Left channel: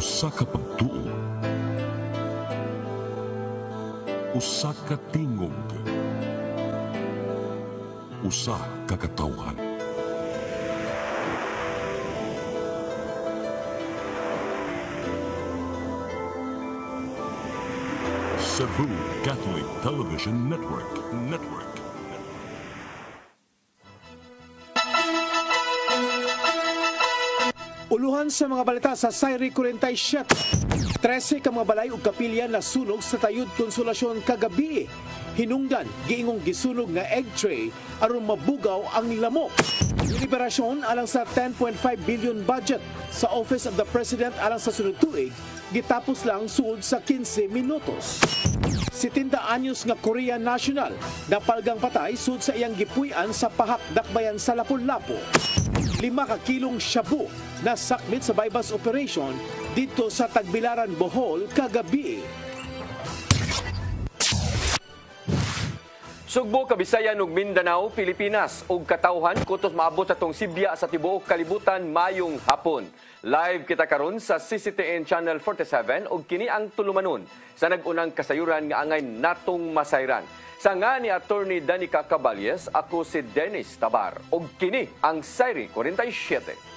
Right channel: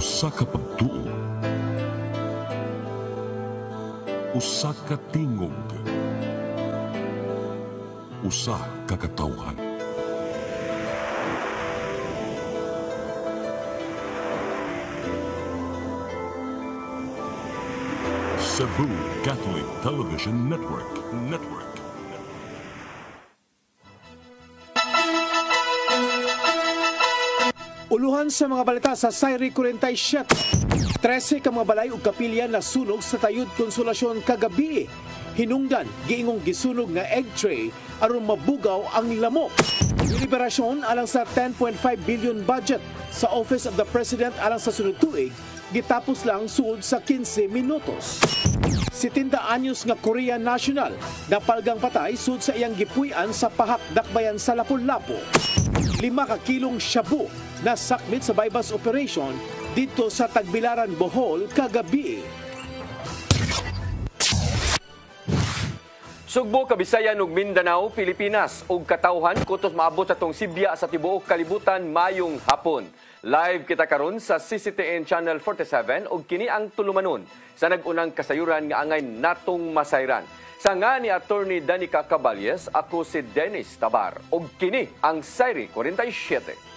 Usa ka pagtuo, usa ka tingog, usa ka katawhan. Cebu Catholic Television Network. Uluhan sa mga balita sa Sayri 47. 13 ka mga balay ug kapilya na sunog sa Tayud Konsolasyon kagabi. Hinungdan, giingong gisunog nga egg tray aron mabugaw ang lamok. Liberasyon alang sa 10.5 billion budget sa Office of the President alang sa sunod tuig, gitapos lang suod sa 15 minutos. 70 anyos nga Korean national napalgang patay sud sa iyang gipuy-an sa pahak dakbayan sa Lapu-Lapu. 5 ka kilong shabu na sakmit sa bypass operation dito sa Tagbilaran, Bohol kagabi. Sugbo, Kabisayan ug Mindanao, Pilipinas ug katawhan kutos maabot sa tong Sibya sa tibuok kalibutan mayong hapon. Live kita karon sa CCTN Channel 47 ug kini ang tulumanon sa nag-unang kasayuran nga angay natong masayran. Sa nga ni Attorney Danica Caballes, ako si Dennis Tabar ug kini ang Sayri 47.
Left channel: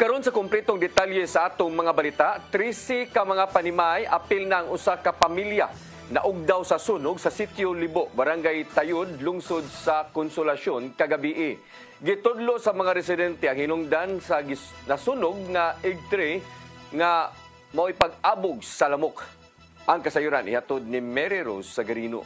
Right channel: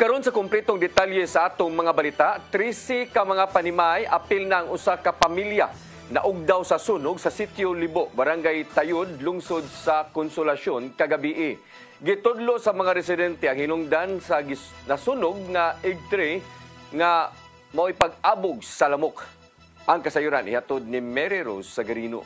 Karon sa kumpletong detalye sa atong mga balita, 13 ka mga panimay apil ng usa ka pamilya na ugdaw sa sunog sa Sitio Libo, Barangay Tayud, lungsod sa Konsolasyon kagabi. Gitudlo sa mga residente ang hinungdan sa nasunog nga egg tray nga mao'y pag-abog sa lamok. Ang kasayuran ihatod ni Mary Rose Sagarino.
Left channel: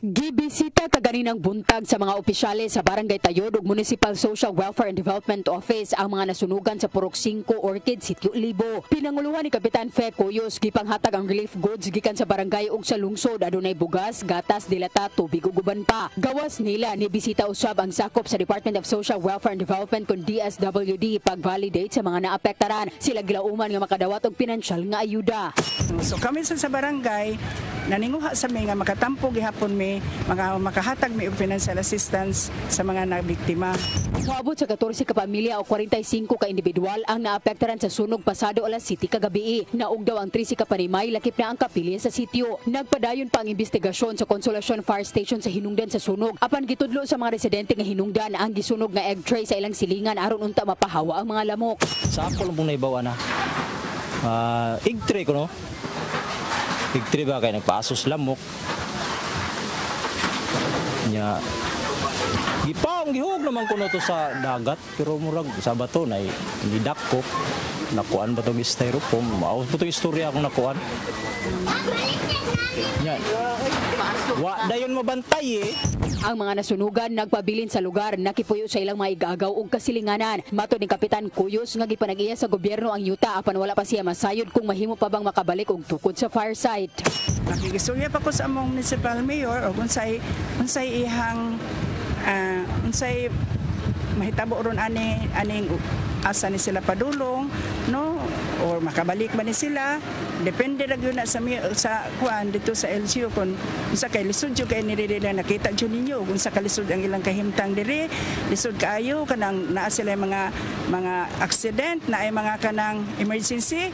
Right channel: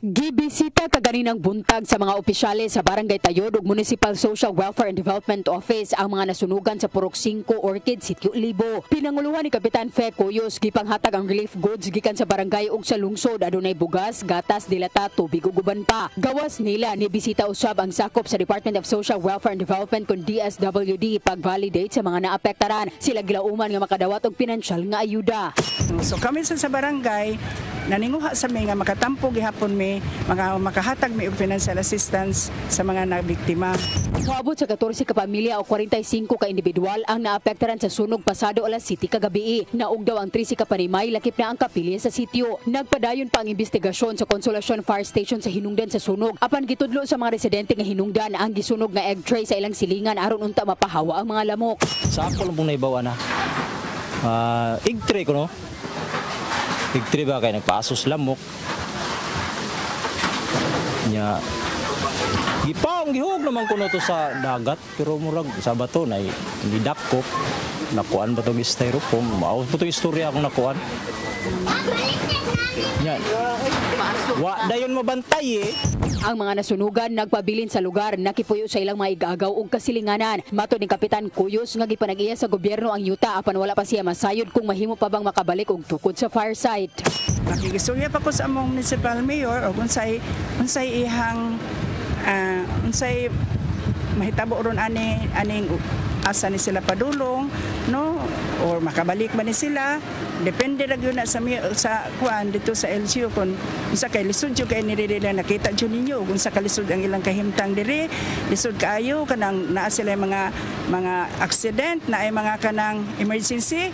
Gibisita kaganinang buntag sa mga opisyales sa Barangay Tayod ug Municipal Social Welfare and Development Office ang mga nasunugan sa Purok 5 Orchid, Sitio Libo. Pinanguluhan ni Kapitan Fe Cuyos gipanghatag ang relief goods gikan sa barangay ug sa lungsod, adunay bugas, gatas, dilata, tubig ug uban pa. Gawas nila ni bisita usab ang sakop sa Department of Social Welfare and Development kun DSWD pag-validate sa mga naapektaran. Sila gilauman nga makadawat og pinansyal nga ayuda. So kami sa barangay naninguha sa mga makatampo gihapon mi makahatag mi og financial assistance sa mga nabiktima. Moabot sa 14 ka pamilya o 45 ka individual ang naapektaran sa sunog pasado alas 7 kagabi. Naog daw ang 13 ka panimay, lakip na ang kapilya sa sitio. Nagpadayon pa ang investigasyon sa Konsolasyon Fire Station sa hinungdan sa sunog. Apan gitudlo sa mga residente nga hinungdan ang gisunog nga egg tray sa ilang silingan aron unta mapahawa ang mga lamok. Sa ako lang pong naibawa na egg tray ko, no? Egg tray ba kay nagpasos lamok nya gihug naman kuno to sa dagat pero murag sa bato na gidak ko nakuan ba to styrofoam mao po to istorya akong nakuan nya wa dayon mabantay Ang mga nasunugan nagpabilin sa lugar, nakipuyo sa ilang mga igagaw ug kasilinganan. Matod ni Kapitan Cuyos nga gipanag-iya sa gobyerno ang yuta apan wala pa siya masayod kung mahimo pa bang makabalik og tukod sa fire site. Nakikisulya pa ko sa among municipal mayor o unsay ihang unsay mahitabo ron aning asa ni sila padulong, no, or makabalik ba ni sila, depende ra gyud na sa kuan dito sa LGU kung unsa kay lisod jud kay nila nakita jud ninyo kung sa kalisod ang ilang kahimtang diri, lisod kaayo kanang naa sila mga accident na ay mga kanang emergency,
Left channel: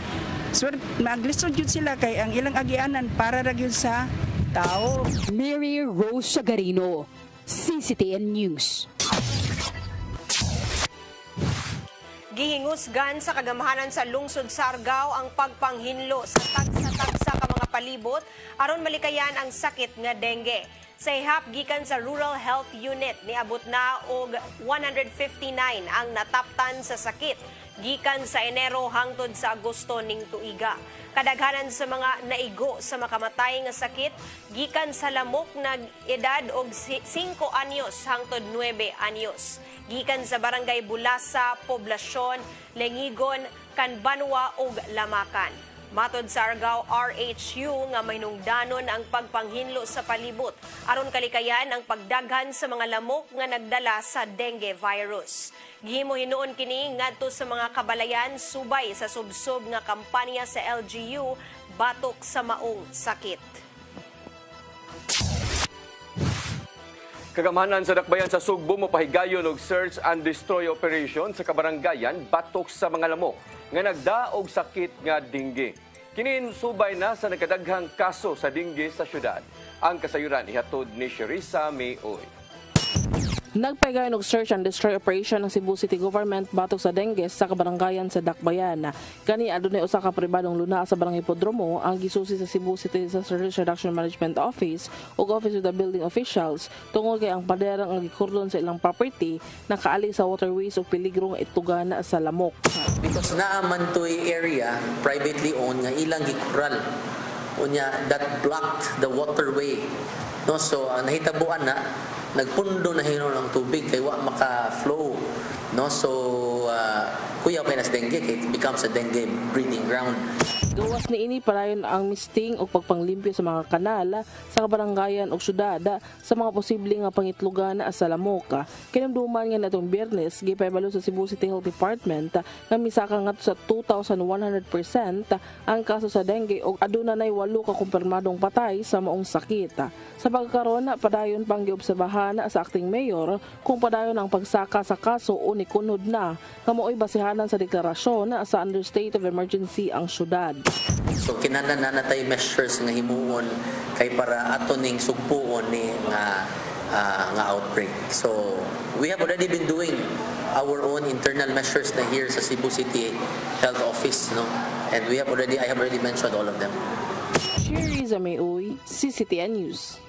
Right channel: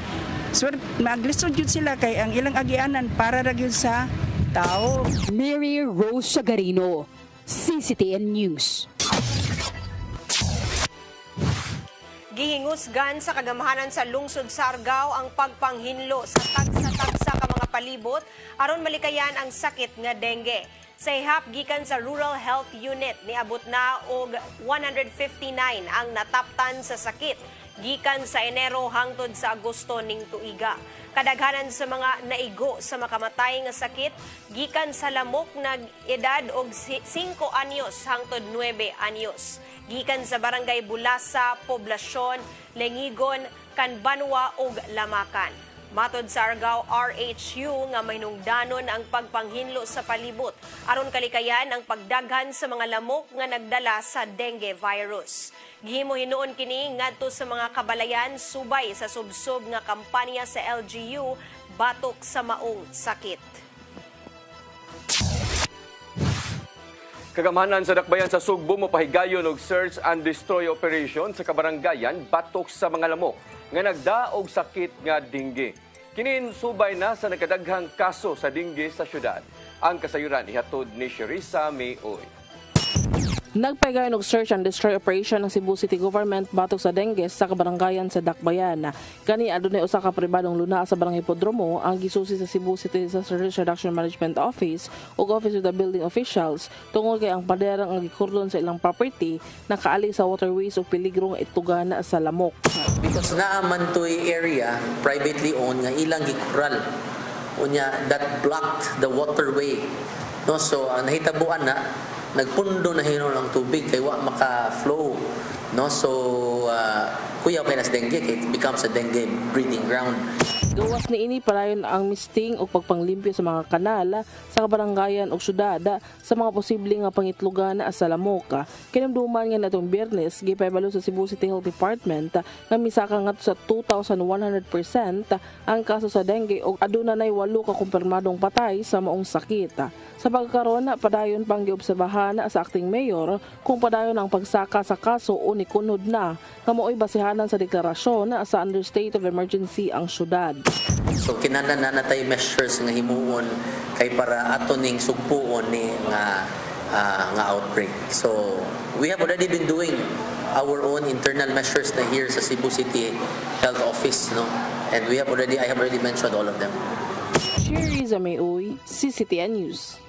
so maglisod jud sila kay ang ilang agianan para ra gyud sa tao. Mary Rose Sagarino, CCTN News. Gihingusgan sa kagamahanan sa lungsod Sargao ang pagpanghinlo sa tagsa-tagsa ka mga palibot aron malikayan ang sakit nga dengue. Sa ihap gikan sa Rural Health Unit niabot na og 159 ang nataptan sa sakit gikan sa Enero hangtod sa Agosto ning tuiga. Kadaghanan sa mga naigo sa makamatay nga sakit gikan sa lamok na edad og 5 anyos hangtod 9 anyos. Gikan sa barangay Bulasa, Poblasyon, Lengigon, Kanbanwa ug Lamakan. Matod sa Argao RHU nga mahinungdanon ang pagpanghinlo sa palibot aron kalikayan ang pagdaghan sa mga lamok nga nagdala sa dengue virus. Gihimo hinuon kini ngadto sa mga kabalayan subay sa subsob nga kampanya sa LGU batok sa maong sakit. Kagamahanan sa dakbayan sa Sugbo mopahigayon og search and destroy operation sa kabaranggayan batok sa mga lamok nga nagdaog sakit nga dengue. Kinin subay na sa nagkadaghang kaso sa dengue sa syudad. Ang kasayuran ihatod ni Sherissa Mayoy. Nagpagayon og search and destroy operation ng Cebu City Government batok sa dengue sa kabaranggayan sa Dakbayan. Kani adunay usa ka pribadong luna sa Barangay Hipodromo ang gisusi sa Cebu City Disaster Risk Reduction Management Office ug Office of the Building Officials tungod kay ang paderang ang gikurdon sa ilang property nakaali sa waterways ug peligro nga itugana sa lamok. Because naaman to'y area privately owned nga ilang gikural unya that blocked the waterway. No, so nahitabuan na nagpundo na hino ng tubig kay wa maka-flow, no, so kuyaw kay nas dengue, it becomes a dengue breeding ground. Gawas ni ini palayon ang misting o pagpanglimpyo sa mga kanala sa kabaranggayan o syudad sa mga posibleng nga pangitlugan sa lamok. Kinamduman nga natong Biyernes gipahibalo sa Cebu City Health Department nga misaka ngadto sa 2,100% ang kaso sa dengue ug aduna nay 8 ka kumpirmadong patay sa maong sakit. Sa pagkaroon padayon pang giobserbahan sa acting mayor kung padayon ang pagsaka sa kaso o nikunod na nga mao'y basihanan sa deklarasyon sa under state of emergency ang syudad. So kinahanglan na natay measures nga himuon kay para ato ning sugpuon ni nga outbreak. So we have already been doing our own internal measures na here sa Cebu City Health Office, no, and I have already mentioned all of them. Sherissa Mayoy, CCTN News.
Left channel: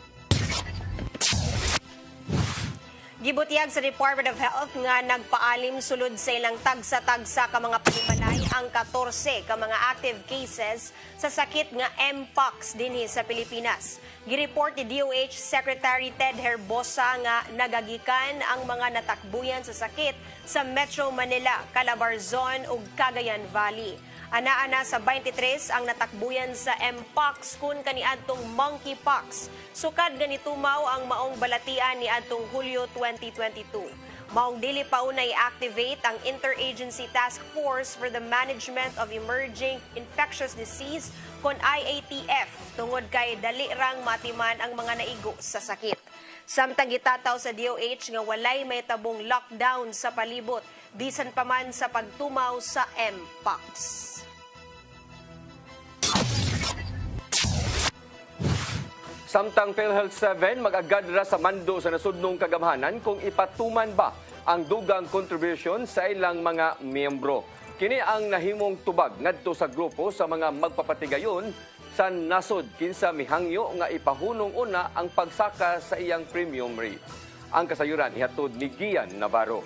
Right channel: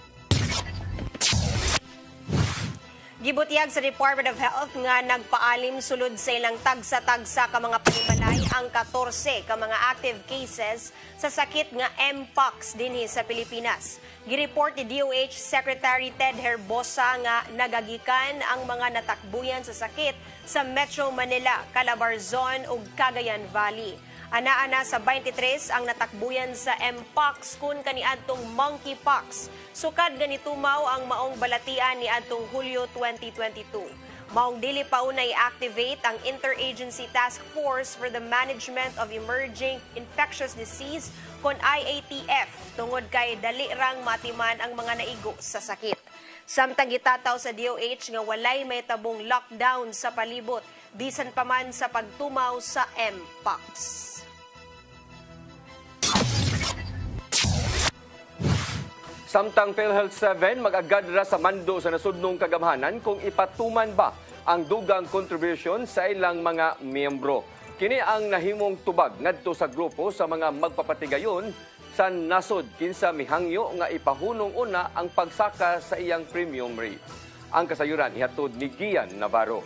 Gibutiyag sa Department of Health nga nagpaalim sulod sa ilang tagsa-tagsa ka mga panimalay ang 14 ka mga active cases sa sakit nga Mpox dinhi sa Pilipinas. Gireport ni DOH Secretary Ted Herbosa nga nagagikan ang mga natakbuyan sa sakit sa Metro Manila, Calabarzon ug Cagayan Valley. Ana-ana sa 23 ang natakbuyan sa Mpox kun kaniadtong monkeypox. Sukad ganitumaw ang maong balatian ni adtong Hulyo 2022. Maong dili pa unay activate ang Interagency Task Force for the Management of Emerging Infectious Disease kon IATF tungod kay dali rang matiman ang mga naigo sa sakit. Samtang gitataw sa DOH nga walay may tabong lockdown sa palibot bisan pa man sa pagtumaw sa Mpox. Samtang PhilHealth 7 mag-agad ra sa mando sa nasudnong kagamhanan kung ipatuman ba ang dugang contribution sa ilang mga miyembro. Kini ang nahimong tubag ngadto sa grupo sa mga magpapatigayon sa nasod kinsa mihangyo nga ipahunong una ang pagsaka sa iyang premium rate. Ang kasayuran ihatod ni Gian Navarro.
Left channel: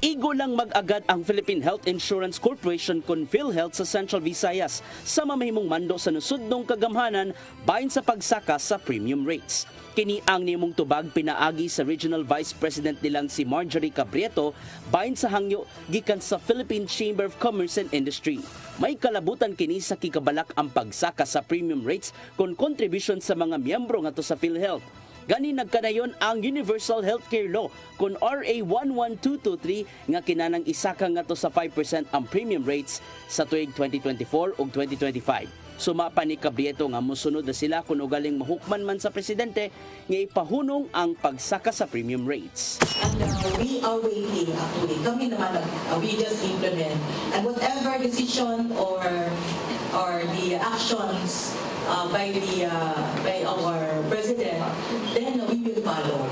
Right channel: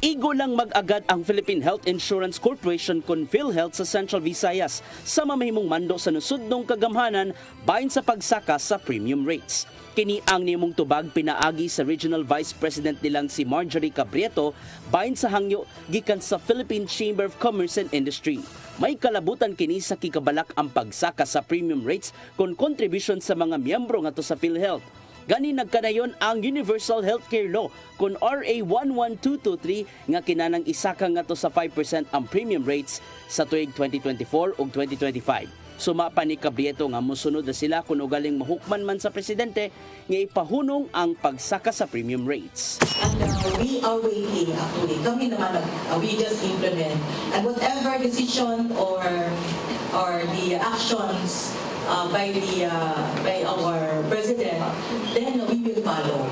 Igo lang mag-agad ang Philippine Health Insurance Corporation kon PhilHealth sa Central Visayas sa mamahimong mando sa nasudnong kagamhanan bahin sa pagsaka sa premium rates. Kini ang nimong tubag pinaagi sa Regional Vice President nilang si Marjorie Cabrieto bahin sa hangyo gikan sa Philippine Chamber of Commerce and Industry. May kalabutan kini sa kikabalak ang pagsaka sa premium rates kon contribution sa mga miyembro ngadto sa PhilHealth. Gani nagkanayon ang Universal Healthcare Law kung RA 11223 nga kinanang isaka ngadto sa 5% ang premium rates sa tuig 2024 ug 2025. Sumapa ni Cabrieto nga mosunod na sila kung ugaling mahukman man sa presidente nga ipahunong ang pagsaka sa premium rates. And we are waiting actually. Kami naman, we just implement. And whatever decision or the actions by our president, then we will follow.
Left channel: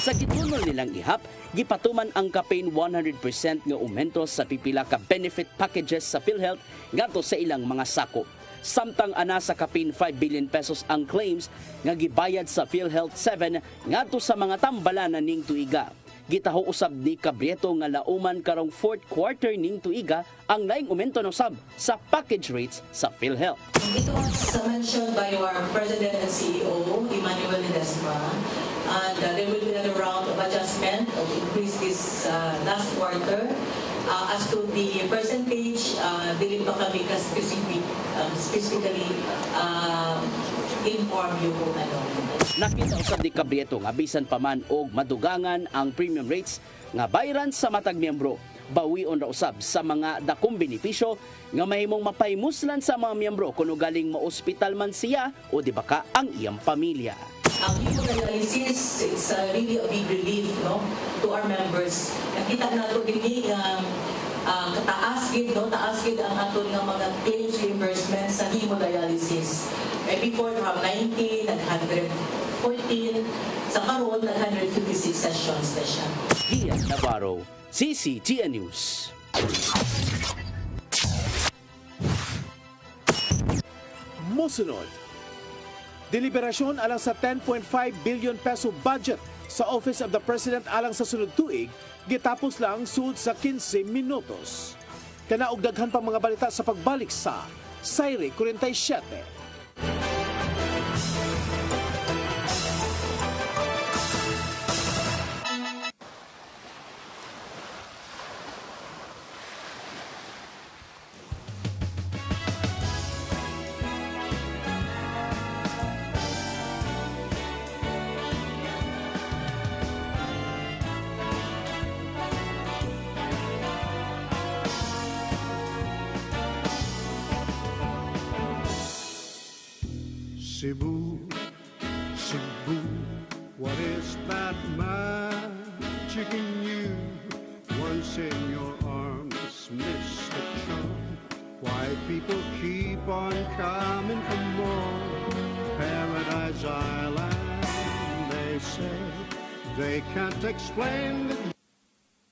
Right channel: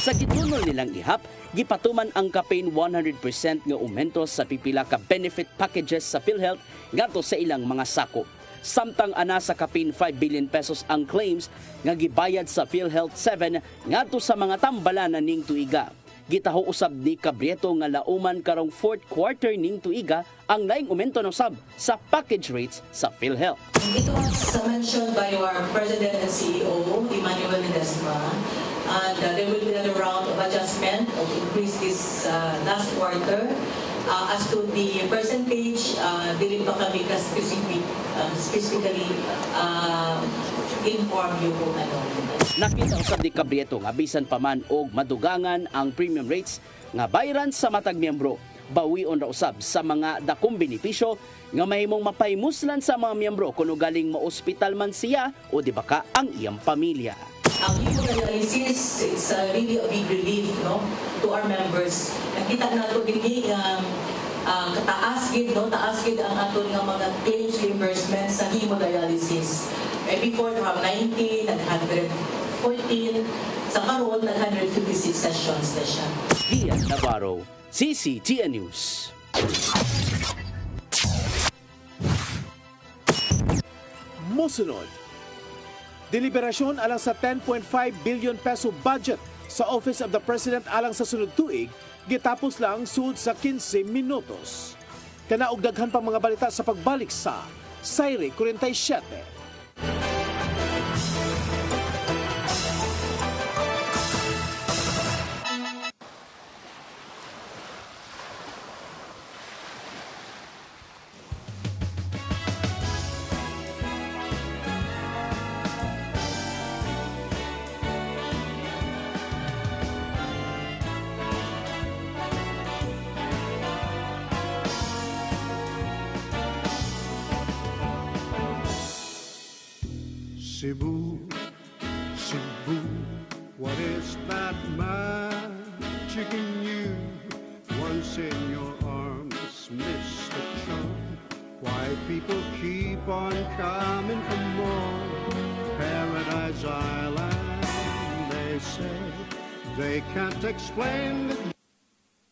Sa gitunol nilang ihap, gipatuman ang campaign 100% nga umento sa pipila ka benefit packages sa PhilHealth ngadto sa ilang mga sako. Samtang ana sa campaign 5 billion pesos ang claims nga gibayad sa PhilHealth 7 ngadto sa mga tambalanan ning tuiga. Gitaho usab ni Cabrieto nga lauman karong fourth quarter ning tuiga ang laing aumento no sab sa package rates sa PhilHealth. It was mentioned by our President and CEO, Emmanuel Ledesma, and there will be another round of adjustment of increase this last quarter. As to the percentage, dili pa kami specifically inform you kung ano. Nakita usab ni Cabrieto nga bisan pa man og madugangan ang premium rates nga bayaran sa matag miyembro, bawion ra usab sa mga dakong benepisyo nga mahimong mapaimuslan sa mga miyembro kung galing ma-ospital man siya o di baka ang iyang pamilya. Ang hemodialysis, it's really a big relief, no, to our members. Nakita nato gini kataas gid, no, taas gid ang aton nga mga claims reimbursement sa hemodialysis. Before from 90 nag 114, sa karon nag 156 sessions na siya. Ian Navarro, CCTN News. Mosunod, deliberasyon alang sa 10.5 billion peso budget sa Office of the President alang sa sunod tuig, gitapos lang sud sa 15 minutos. Kanaog daghan pang mga balita sa pagbalik sa Sayre 47. Cebu, Cebu, what is that magic in you? Once in your arms, Mr. Chum. Why people keep on coming for more? Paradise Island, they say. They can't explain the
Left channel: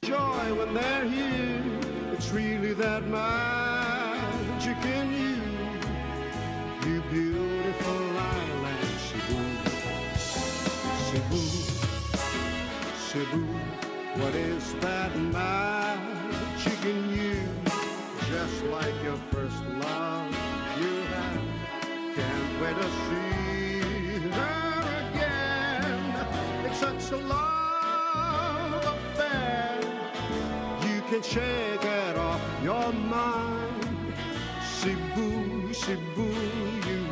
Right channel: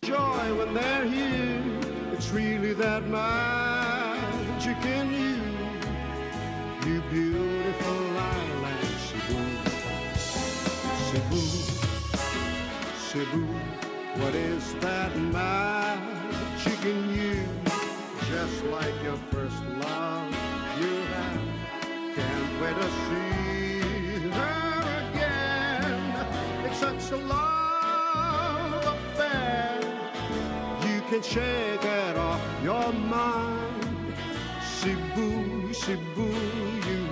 joy when they're here. It's really that magic in you. You beautiful island, Cebu, Cebu, Cebu. What is that magic in you? Just like your first love you had. Can't wait to see her again. It's such a love affair. You can shake it off your mind. Cebu, Cebu, you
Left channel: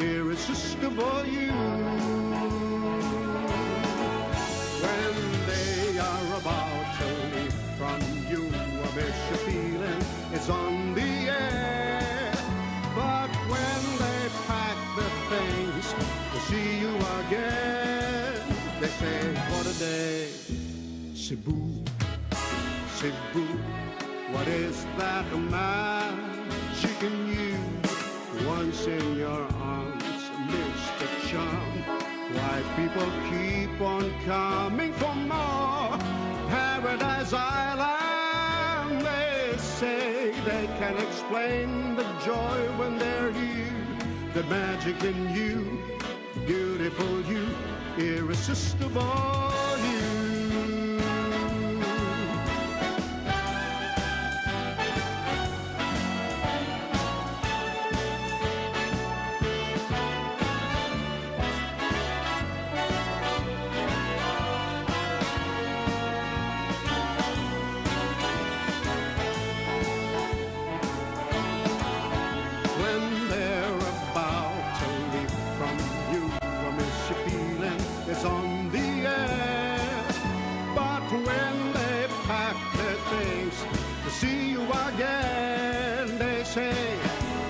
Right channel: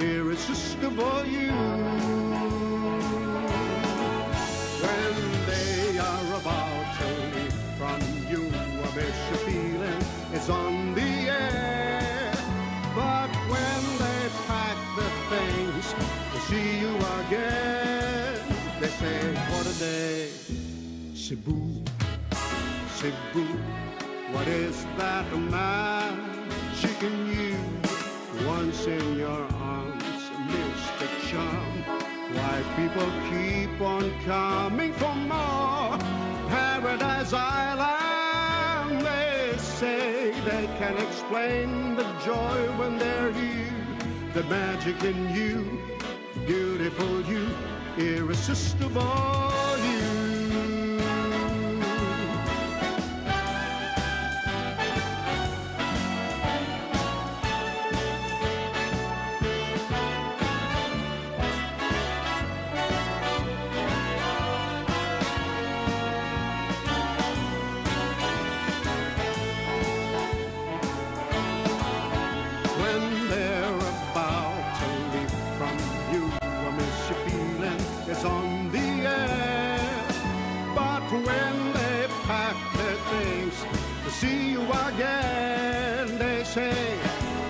irresistible you. When they are about to leave from you, I bet your feeling it's on the air. But when they pack the things to see you again, they say, what a day. Cebu, Cebu, what is that magic in you? Once in your arms, Mr. Chum. Why people keep on coming for more? Paradise Island, they say they can explain the joy when they're here. The magic in you, beautiful you, irresistible you.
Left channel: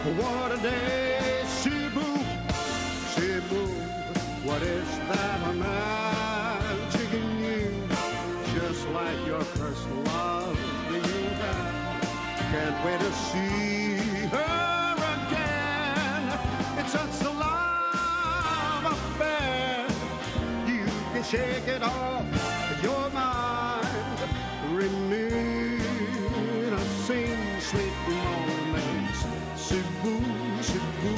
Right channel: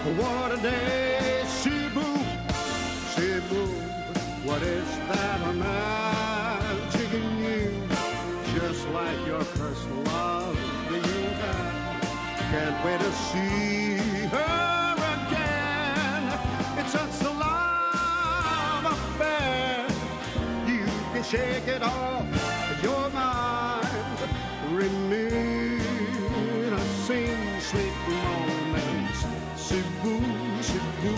What a day, Cebu, Cebu. What is that magic in you? Just like your first love that you had. Can't wait to see her again. It's such a love affair. You can shake it off with your mind. Reminiscing sweet moments. Cebu, Cebu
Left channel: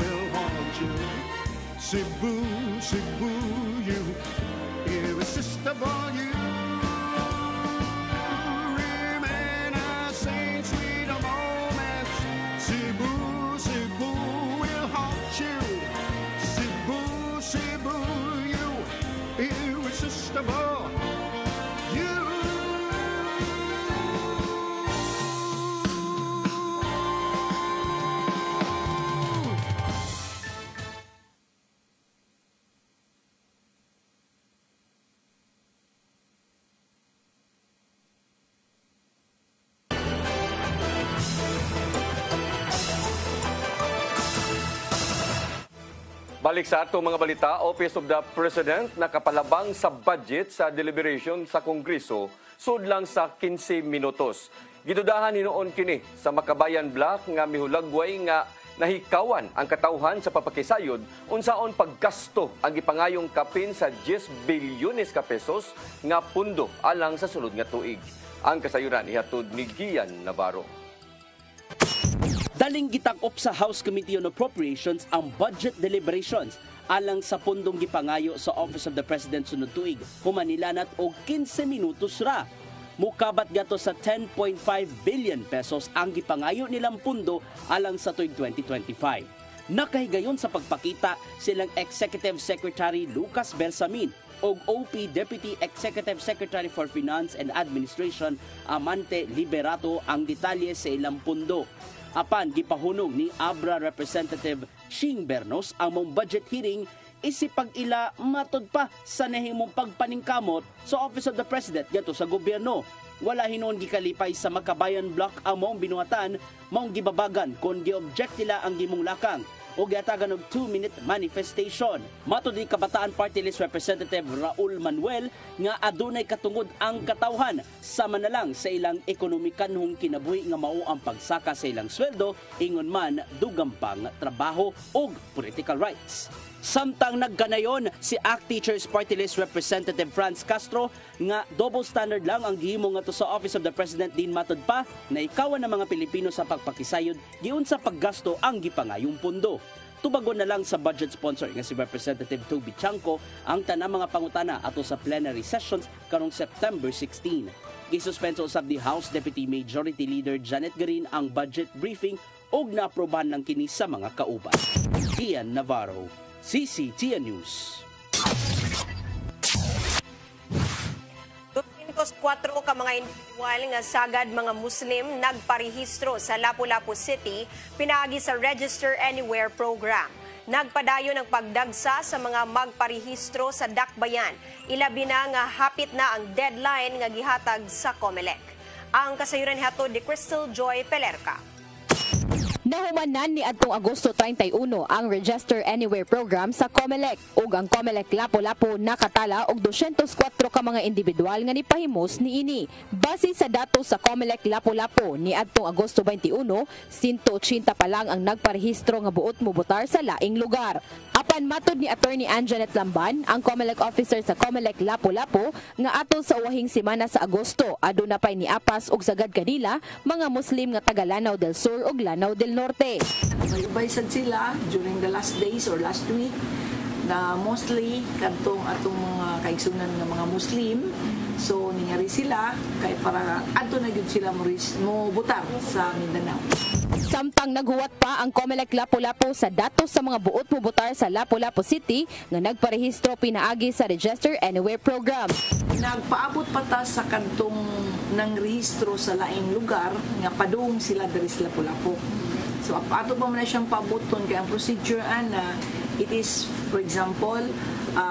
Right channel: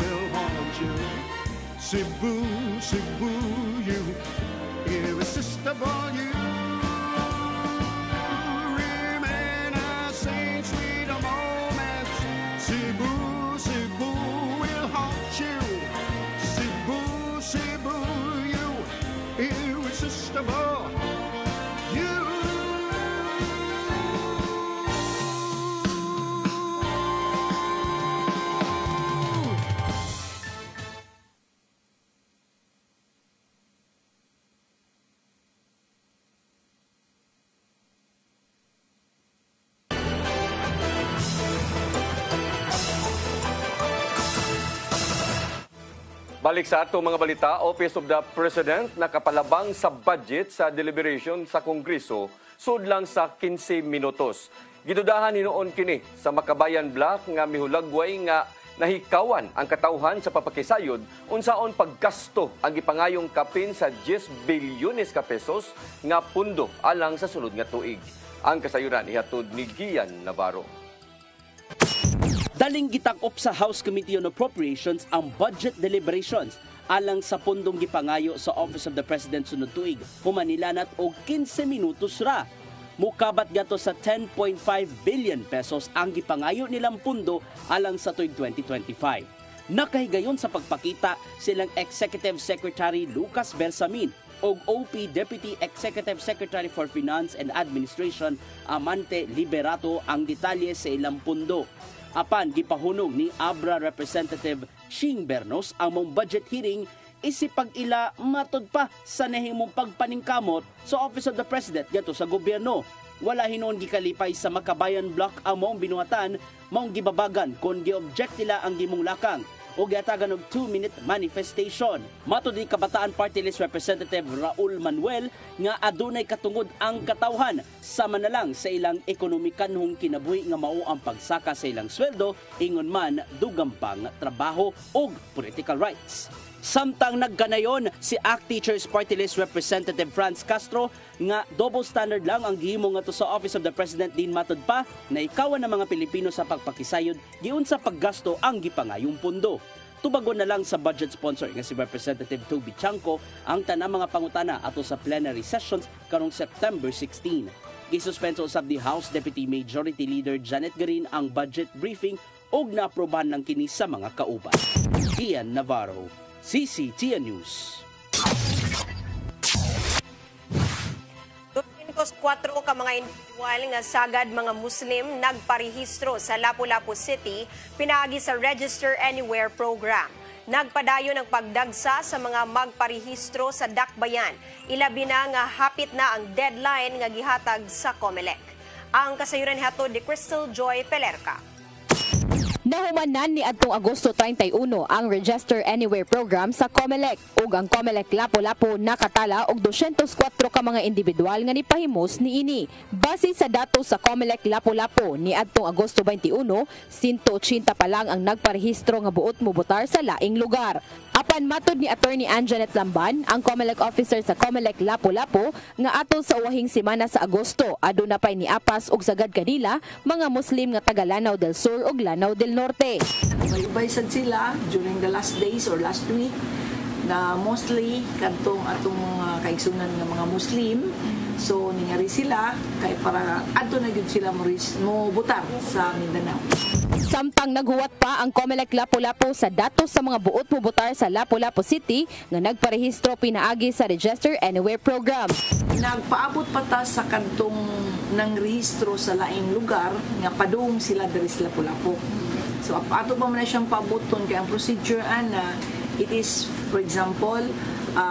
will haunt you. Cebu, Cebu, you irresistible you. Balik sa ato mga balita, Office of the President nakapalabang sa budget sa deliberation sa Kongreso sudlang sa 15 minutos. Gidudahan hinuon kini sa Makabayan Block nga mihulagway nga nahikawan ang katauhan sa papakisayod unsaon paggasto ang gipangayong kapin sa 10 bilyones ka pesos nga pundo alang sa sunod nga tuig. Ang kasayuran ihatod ni Gian Navarro. Daling gitak-op sa House Committee on Appropriations ang budget deliberations alang sa pundong gipangayo sa Office of the President sunod tuig. Humanilanat og 15 minutos ra. Mukabat gato sa 10.5 billion pesos ang gipangayo nilang pundo alang sa tuig 2025. Nakahigayon sa pagpakita silang Executive Secretary Lucas Bersamin og OP Deputy Executive Secretary for Finance and Administration Amante Liberato ang detalye sa ilang pundo. Apan gipahunong ni Abra Representative Shing Bernos ang mong budget hearing isipag ila matod pa sa nahimong pagpaningkamot sa Office of the President gato sa gobyerno. Wala hinon gikalipay sa Makabayan Block ang mong binuhatan, mong gibabagan kon gi-object nila ang gimong lakang o giatagan og 2-minute manifestation. Matod ni Kabataan Party List Representative Raul Manuel nga adunay katungod ang katawhan sama na lang sa ilang ekonomikanhong kinabuhi nga mao ang pagsaka sa ilang sweldo ingon man dugang pang trabaho ug political rights. Samtang nagganayon si ACT Teachers Party List Representative Franz Castro nga double standard lang ang gihimo nga to sa Office of the President din matod pa na ikawan ng mga Pilipino sa pagpakisayod giun sa paggasto ang gipangayong pundo. Tubagon na lang sa budget sponsor nga si Representative Toby Chanco ang tanang mga pangutana ato sa plenary sessions karong September 16. Gisuspenso usab ni House Deputy Majority Leader Janet Garin ang budget briefing ug naaprobahan lang kini sa mga kauban. Ian Navarro, CCTN News. 4 ka mga individual nga sagad mga Muslim nagparehistro sa Lapu-Lapu City pinaagi sa Register Anywhere program. Nagpadayon ang pagdagsa sa mga magparehistro sa Dakbayan. Ilabi na nga hapit na ang deadline nga gihatag sa COMELEC. Ang kasayuran hatod ni Crystal Joy Pelerca. Nahumanan ni adtong Agosto 31 ang Register Anywhere program sa COMELEC ug ang COMELEC Lapu-Lapu nakatala og 204 ka mga individual nga nipahimos niini. Base sa datos sa COMELEC Lapu-Lapu ni adtong Agosto 21, 180 pa lang ang nagparehistro nga buot mobotar sa laing lugar. Apan matod ni Attorney Anjanet Lamban, ang COMELEC officer sa COMELEC Lapu-Lapu, nga atol sa uwahing semana sa Agosto aduna pay niapas og sagad kanila mga Muslim nga taga Lanao del Sur ug Lanao del Norte. Nag-ibaysad sila during the last days or last week na mostly kadtong atong kaigsunan ng mga Muslim. So nangyari sila kay para adto na gyud sila mo butang sa Mindanao. Samtang naghuwat pa ang COMELEC Lapu-Lapu sa datos sa mga buot mobotar sa Lapu-Lapu City nga nagparehistro pinaagi sa Register Anywhere program. Nagpaabot pa ta sa kantong ng rehistro sa laing lugar nga padung sila diri sa Lapu-Lapu. So ato pa man siyang paaboton kay ang procedure ana it is, for example,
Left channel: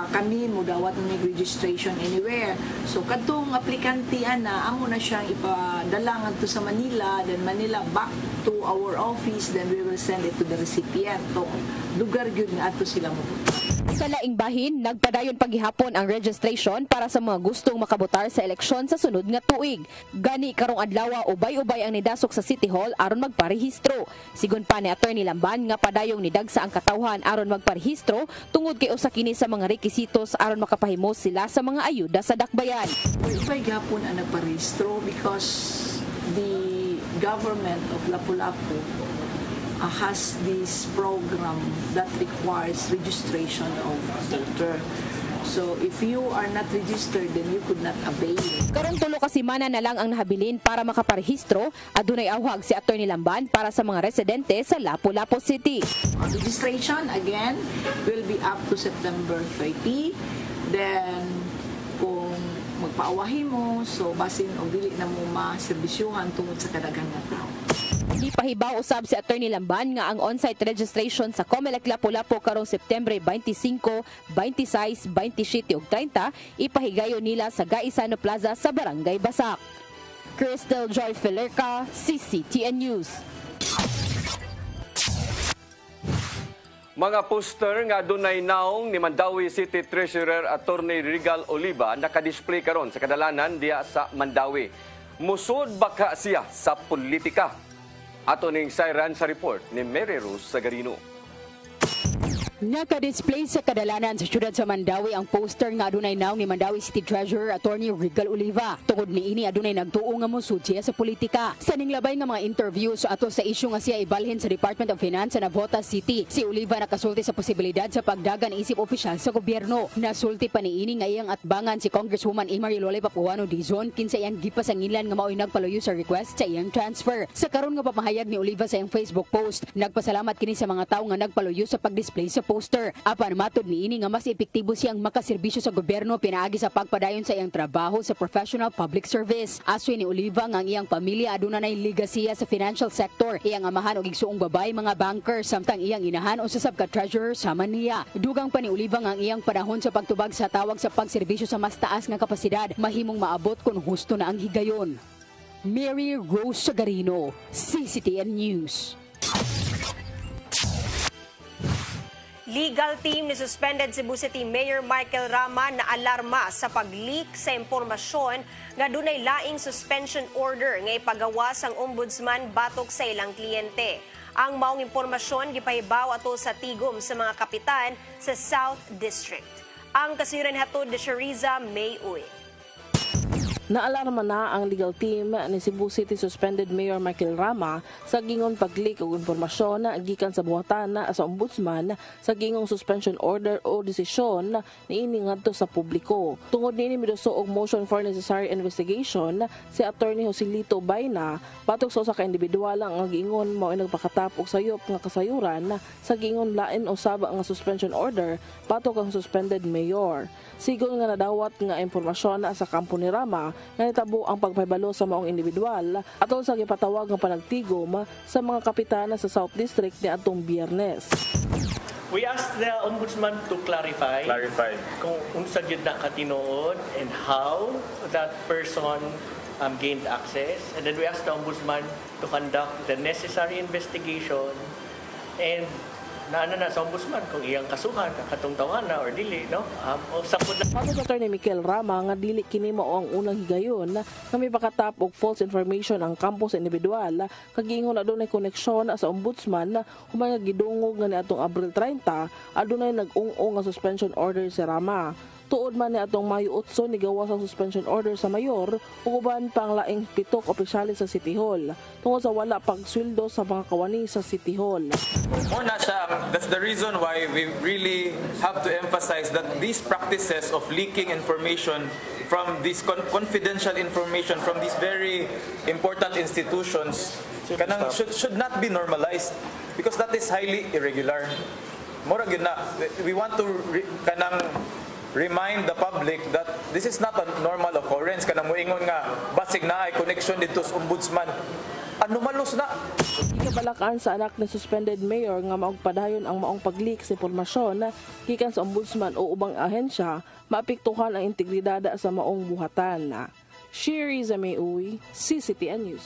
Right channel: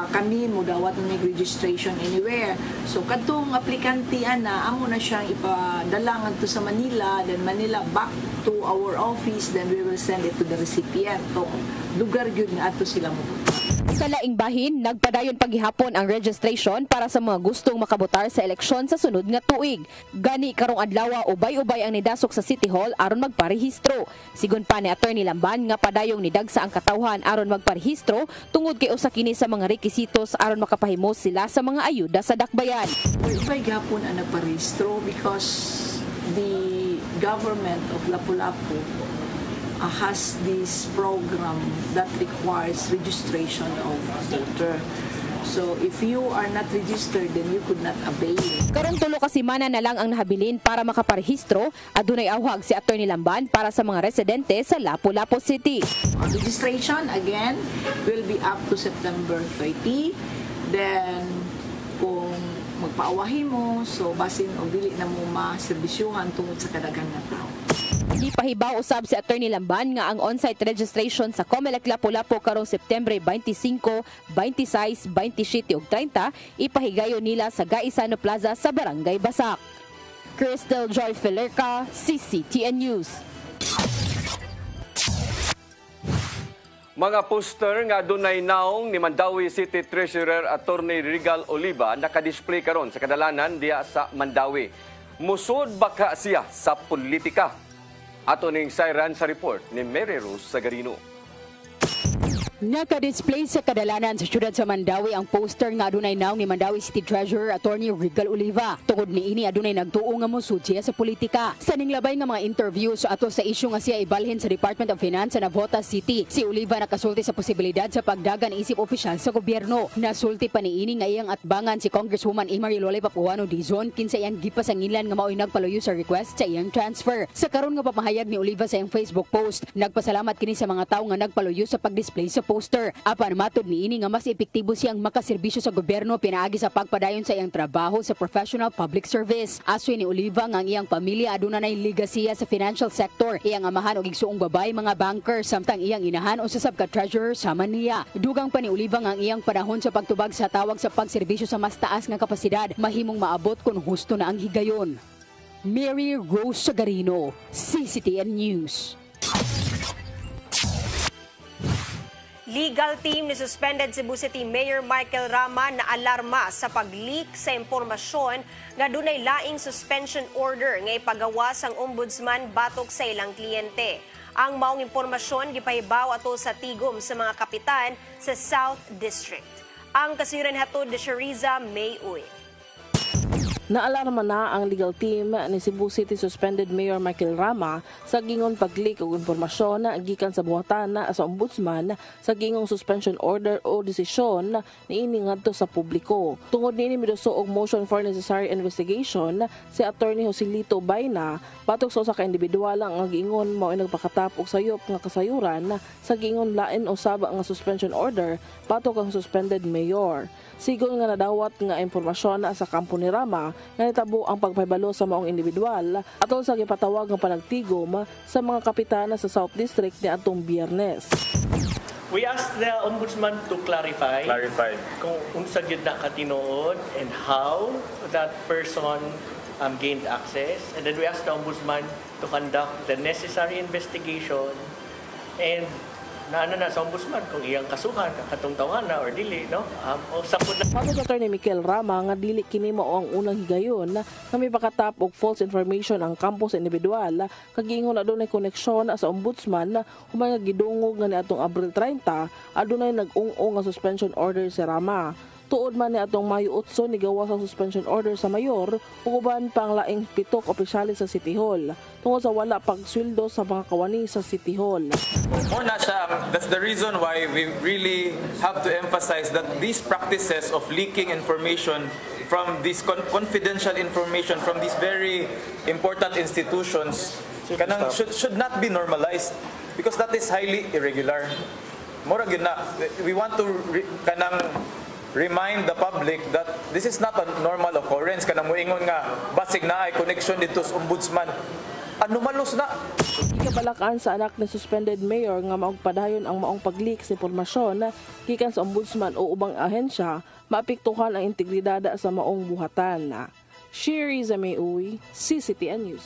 kami mo dawat ng registration anywhere. So kadtong aplikante ana amo na siyang ipadala ngadto sa Manila, then Manila back to our office, then we will send it to the recipient. So lugar gyud nga ato sila mo. Sa laing bahin, nagpadayon paghihapon ang registration para sa mga gustong makabotar sa eleksyon sa sunod nga tuig. Gani karong adlaw ubay-ubay ang nidasok sa City Hall aron magparehistro. Sigon pa ni Attorney Lamban nga padayong nidagsa ang katawhan aron magparehistro tungod kay usa kini sa mga requisitos aron makapahimos sila sa mga ayuda sa dakbayan. Ubay gyapon ang nagparehistro because the government of Lapu-Lapu has this program that requires registration of voter. So if you are not registered, then you could not avail. Karong 3 ka semana na lang ang nahabilin para makaparehistro. Adunay awhag si Attorney Lamban para sa mga residente sa Lapu-Lapu City. Registration again will be up to September 30. Then kung magpaawahin mo, so basin o dili na mo maserbisyuhan tungod sa kadagan nga tao. Di pahibaw usab si Attorney Lamban nga ang on-site registration sa COMELEC Lapu-Lapu karong September 25, 26, 27 ug 30 ipahigayon nila sa Gaisano Plaza sa Barangay Basak. Crystal Joy Pelerca, CCTN News. Mga poster nga dunay naong ni Mandawi City Treasurer Attorney Regal Oliva nakadisplay karon sa kadalanan diya sa Mandawi. Musod baka siya sa politika? Ato ning sayran sa report ni Mary Rose Sagarino. Naka-display sa kadalanan sa syudad sa Mandawi ang poster nga adunay naong ni Mandawi City Treasurer Attorney Regal Oliva. Tungod niini adunay nagtuo nga mosud siya sa politika. Sa ninglabay nga mga interview sa ato sa isyu nga siya ibalhin sa Department of Finance sa Navotas City, si Oliva nakasulti sa posibilidad sa pagdagan isip opisyal sa gobyerno. Nasulti pa niini nga iyang atbangan si Congresswoman Imari Lolay Papuano Dizon kinsa iyang gipasangilan nga mao'y nagpaluyo sa request sa iyang transfer. Sa karon nga papahayag ni Oliva sa iyang Facebook post, nagpasalamat kini sa mga tawo nga nagpaluyo sa pagdisplay sa poster. Apan matod niini nga mas epektibo siyang makaserbisyo sa gobyerno pinaagi sa pagpadayon sa iyang trabaho sa professional public service. Asoy ni Oliva nga ang iyang pamilya aduna nay ligasiya sa financial sector. Iyang amahan og igsuong babay mga banker samtang iyang inahan usasab ka treasurer sama niya. Dugang pa ni Oliva nga ang iyang panahon sa pagtubag sa tawag sa pagserbisyo sa mas taas nga kapasidad mahimong maabot kung husto na ang higayon. Mary Rose Sagarino, CCTN News. Legal team ni suspended Cebu City Mayor Michael Rama na alarma sa pag-leak sa impormasyon nga dunay laing suspension order nga ipagawas ang ombudsman batok sa ilang kliyente. Ang maong impormasyon gipahibaw ato sa tigom sa mga kapitan sa South District. Ang kasiran hatod ni Shariza May Uy. Naalarma na ang legal team ni Cebu City Suspended Mayor Michael Rama sa gingon pag-leak og impormasyon na gikan sa buhatan na sa ombudsman sa gingong suspension order o desisyon niini ngadto sa publiko. Tungod niini miduso og motion for necessary investigation si Attorney Joselito Bayna batok sa usa ka individual ang gingon mao nagpakatap og sayop nga kasayuran sa gingon lain usab nga suspension order batok ang suspended mayor. Sigon nga nadawat nga impormasyon sa kampo ni Rama nga nitabo ang pagpahibalo sa maong individual atol sa gipatawag nga panagtigom sa mga kapitana sa South District ni atong Biyernes. We asked the Ombudsman to clarify kung unsa gyud na katinuod and how that person gained access, and then we asked the Ombudsman to conduct the necessary investigation and naana na sa ombudsman kung iyang kasuhan katong tawana or dili, no? Sabi sa Attorney Michael Rama nga dili kini mao ang unang higayon na may pakatap og false information ang kampo sa individual kagingon adunay koneksyon sa ombudsman human gidungog nga niadtong Abril 30 adunay nag-ung-ung nga suspension order si Rama. Tuod man ni atong Mayo 8 ni gawa sa suspension order sa mayor ug uban pang laing 7 opisyales sa City Hall tungod sa wala pagsweldo sa mga kawani sa City Hall. Una siya, that's the reason why we really have to emphasize that these practices of leaking information from this confidential information from these very important institutions should not be normalized because that is highly irregular. Mura gyud na, we want to remind the public that this is not a normal occurrence. Kanang moingon nga basig na ay connection dito sa ombudsman. Anomalous na. Ikabalakan sa anak ni suspended mayor nga maugpadayon ang maong pag-leak sa impormasyon na gikan sa ombudsman o ubang ahensya maapektuhan ang integridad sa maong buhatan. Shariza May Uy, CCTN News.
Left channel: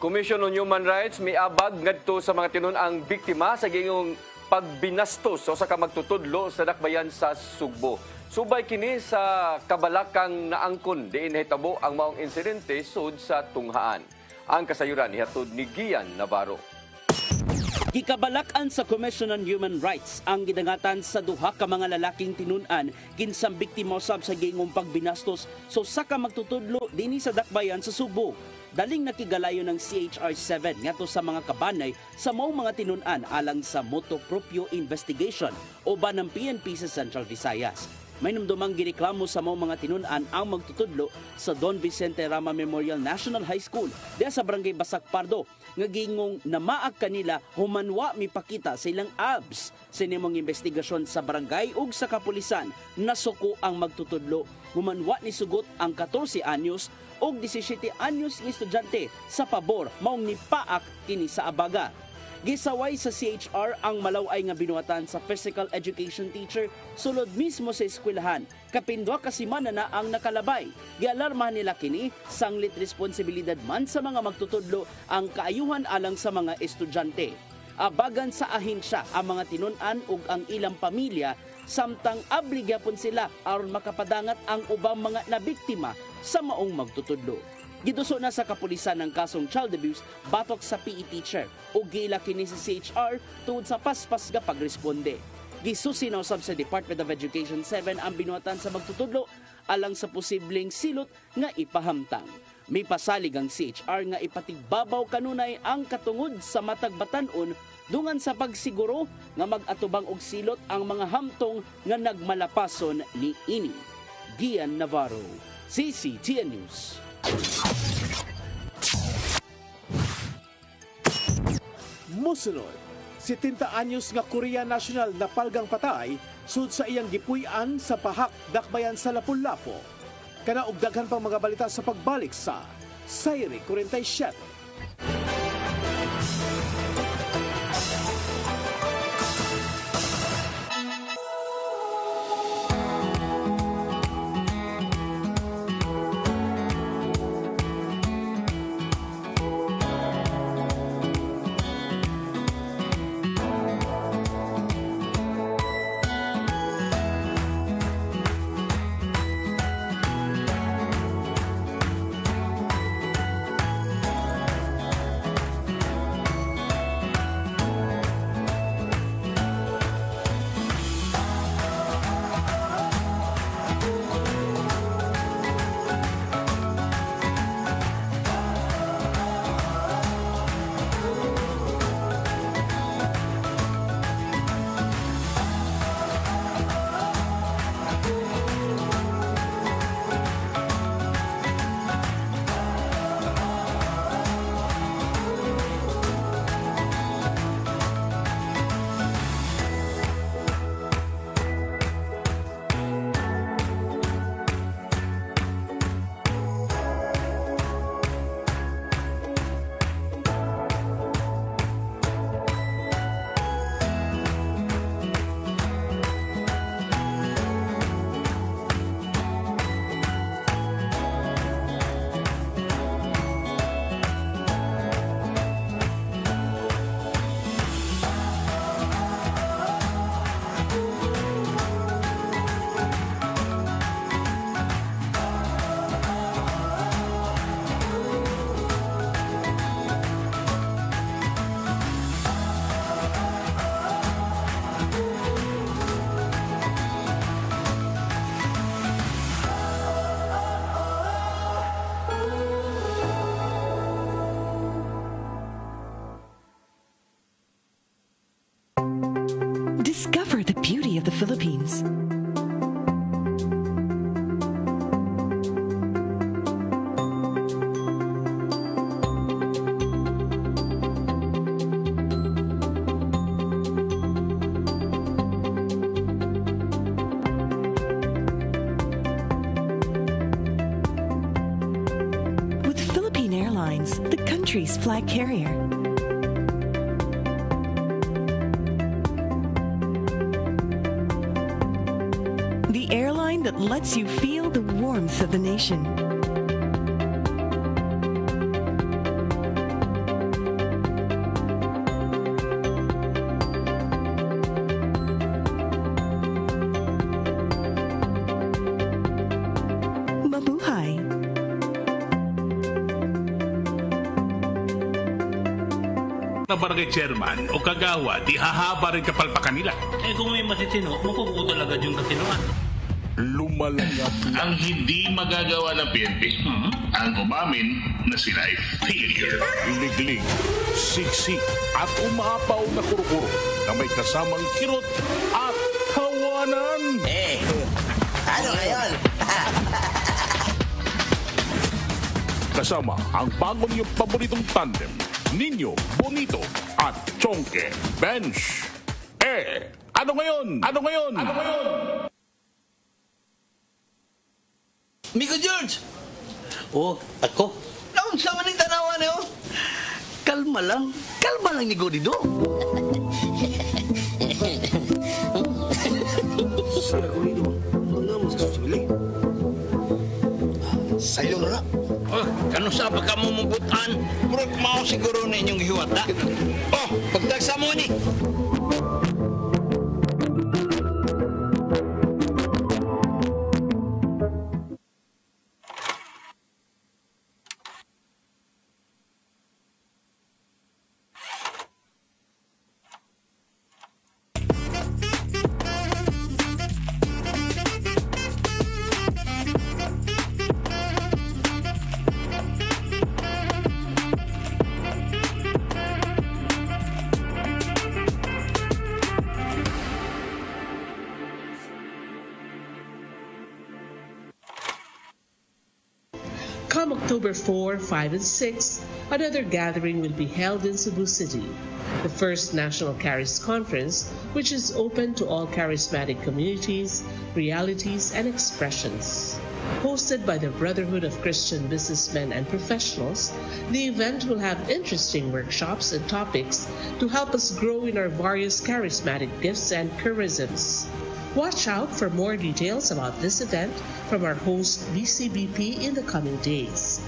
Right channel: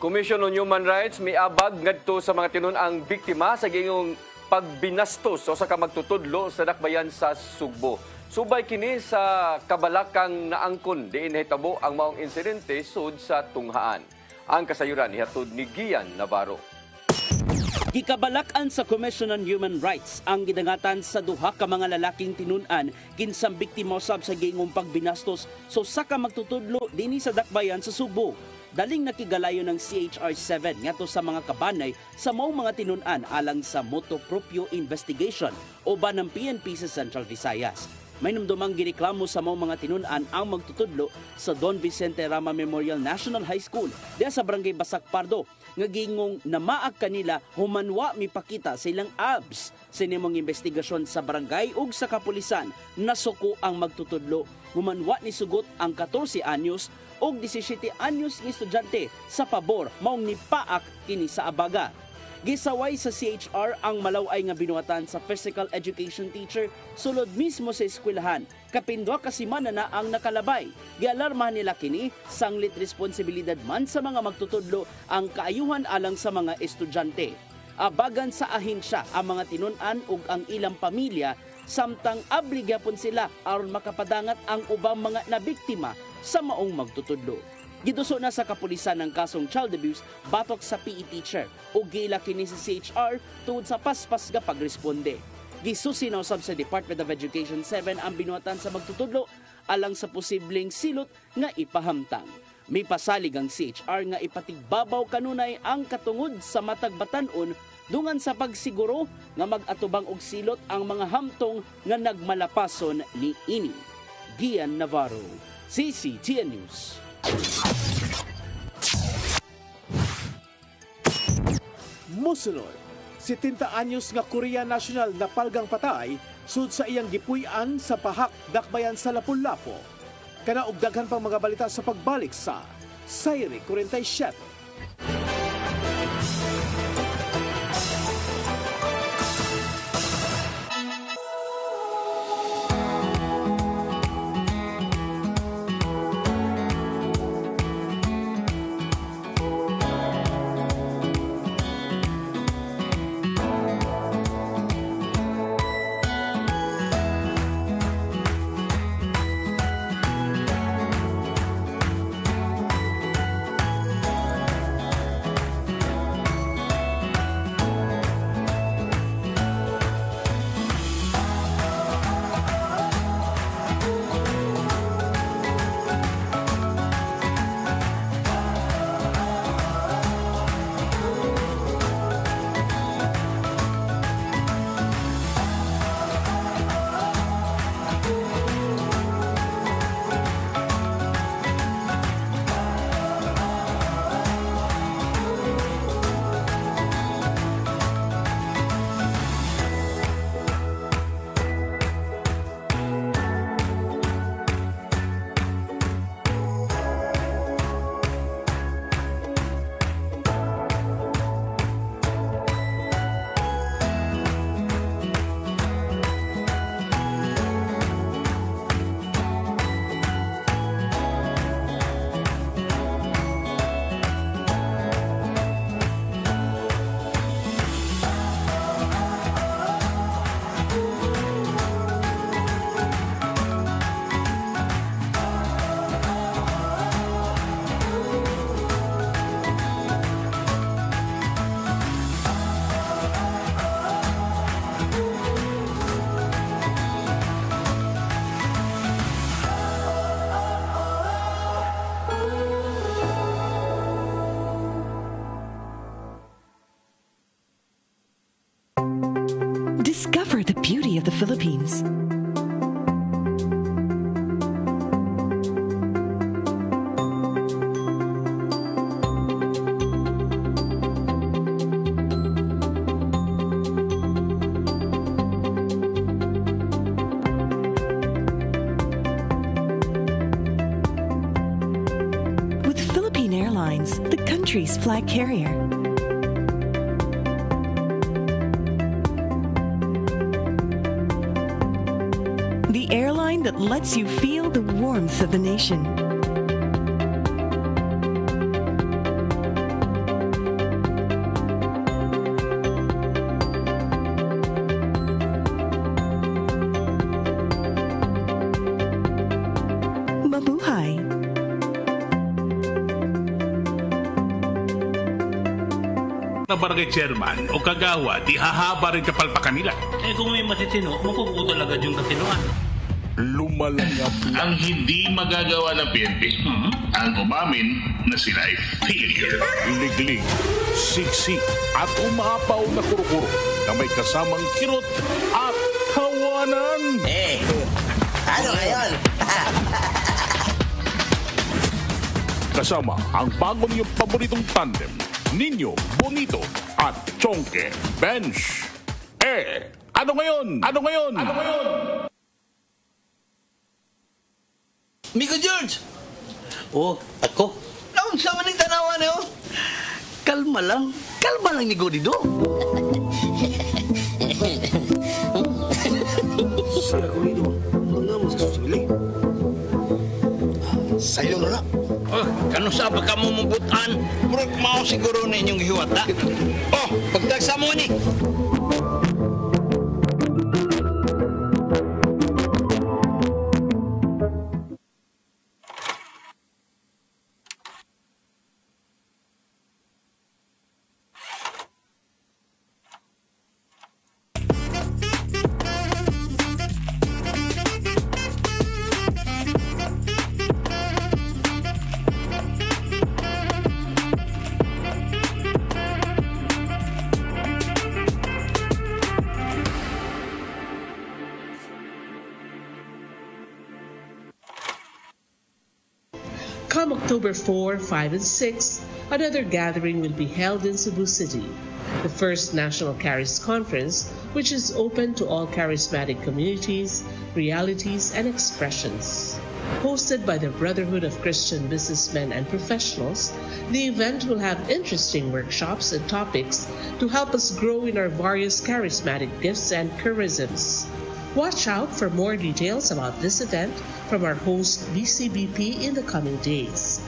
Commission on Human Rights miabag ngadto sa mga tinun-ang biktima sa gingong pagbinastos o sa kamagtutudlo sa dakbayan sa Sugbo. Subay kini sa kabalakang naangkon diin nahitabo ang maong insidente sud sa tunghaan. Ang kasayuran ihatod ni Gian Navarro. Gikabalakan sa Commission on Human Rights ang gidangatan sa duha ka mga lalaking tinun-an kinsang biktima usab sa gingong pagbinastos sa ka magtutudlo dinhi sa dakbayan sa Sugbo. Daling nakigalayo ng CHR-7 ngadto sa mga kabanay sa maong mga tinun-an alang sa motu proprio investigation o ba ng PNP sa Central Visayas. May numdumang gireklamo sa maong mga tinun-an ang magtutudlo sa Don Vicente Rama Memorial National High School diya sa Barangay Basak Pardo nga gingong namaag kanila humanwa mipakita sa ilang abs sa nimong investigasyon sa barangay ug sa kapulisan nasuko ang magtutudlo. Humanwa ni sugot ang 14 anyos og 17 anyos nga estudyante sa pabor maong nipaak kini sa abaga. Gisaway sa CHR ang malaway nga binuhatan sa physical education teacher sulod mismo sa eskwelahan. Kapindwa ka semana na ang nakalabay. Gialarmahan nila kini sanglit responsibilidad man sa mga magtutudlo ang kaayuhan alang sa mga estudyante. Abagan sa ahensya ang mga tinun-an ug ang ilang pamilya samtang abligyapon sila aron makapadangat ang ubang mga nabiktima sa maong magtutudlo. Giduso na sa kapulisan ng kasong child abuse batok sa PE teacher o gila kini sa CHR tungod sa paspas nga pagresponde. Gisusin usab sa Department of Education 7 ang binuhatan sa magtutudlo alang sa posibleng silot nga ipahamtang. May pasalig ang CHR nga ipatigbabaw kanunay ang katungod sa matag batan-on dungan sa pagsiguro nga mag-atubang og silot ang mga hamtong nga nagmalapason ni ini. Gian Navarro, CCTN News. Musunod, 70 anyos nga Korea National na palgang patay sud sa iyang gipuy-an sa pahak dakbayan sa Lapu-Lapu. Kana og daghan pang mga balita sa pagbalik sa Sayri 47. Discover the beauty of the Philippines. With Philippine Airlines, the country's flag carrier. The airline that lets you feel the warmth of the nation. Mabuhay. Na barangay chairman o kagawa, di hahaba rin kapalpakan nila. Eh kung may matitino, mapuputo talaga yung katinoan. Lumalangap ang hindi magagawa ng PNP. Ang umamin na sila ay failure. Liglig, siksik at umapaw na kuro-kuro na may kasamang kirot at kawanan. Ano ngayon? Kasama ang bago niyong paboritong tandem, Ninyo, Bonito at Chongke Bench. Ano ngayon? Ano ngayon? Ano ngayon? Miko George! Oh, ako? Naon sa maning tanawan niyo? Kalma kalma lang. Kalma lang ni Godido. Siya Godido. Wala mo sa susili. Sa'yo na. Oh, kano sa ka mo mabutan? Murag mao siguro na inyong hiwat, ha? Oh, pagtagsa mo ni. Come October 4, 5, and 6, another gathering will be held in Cebu City, the first National Charis Conference, which is open to all charismatic communities, realities, and expressions. Hosted by the Brotherhood of Christian Businessmen and Professionals, the event will have interesting workshops and topics to help us grow in our various charismatic gifts and charisms. Watch out for more details about this event from our host BCBP in the coming days.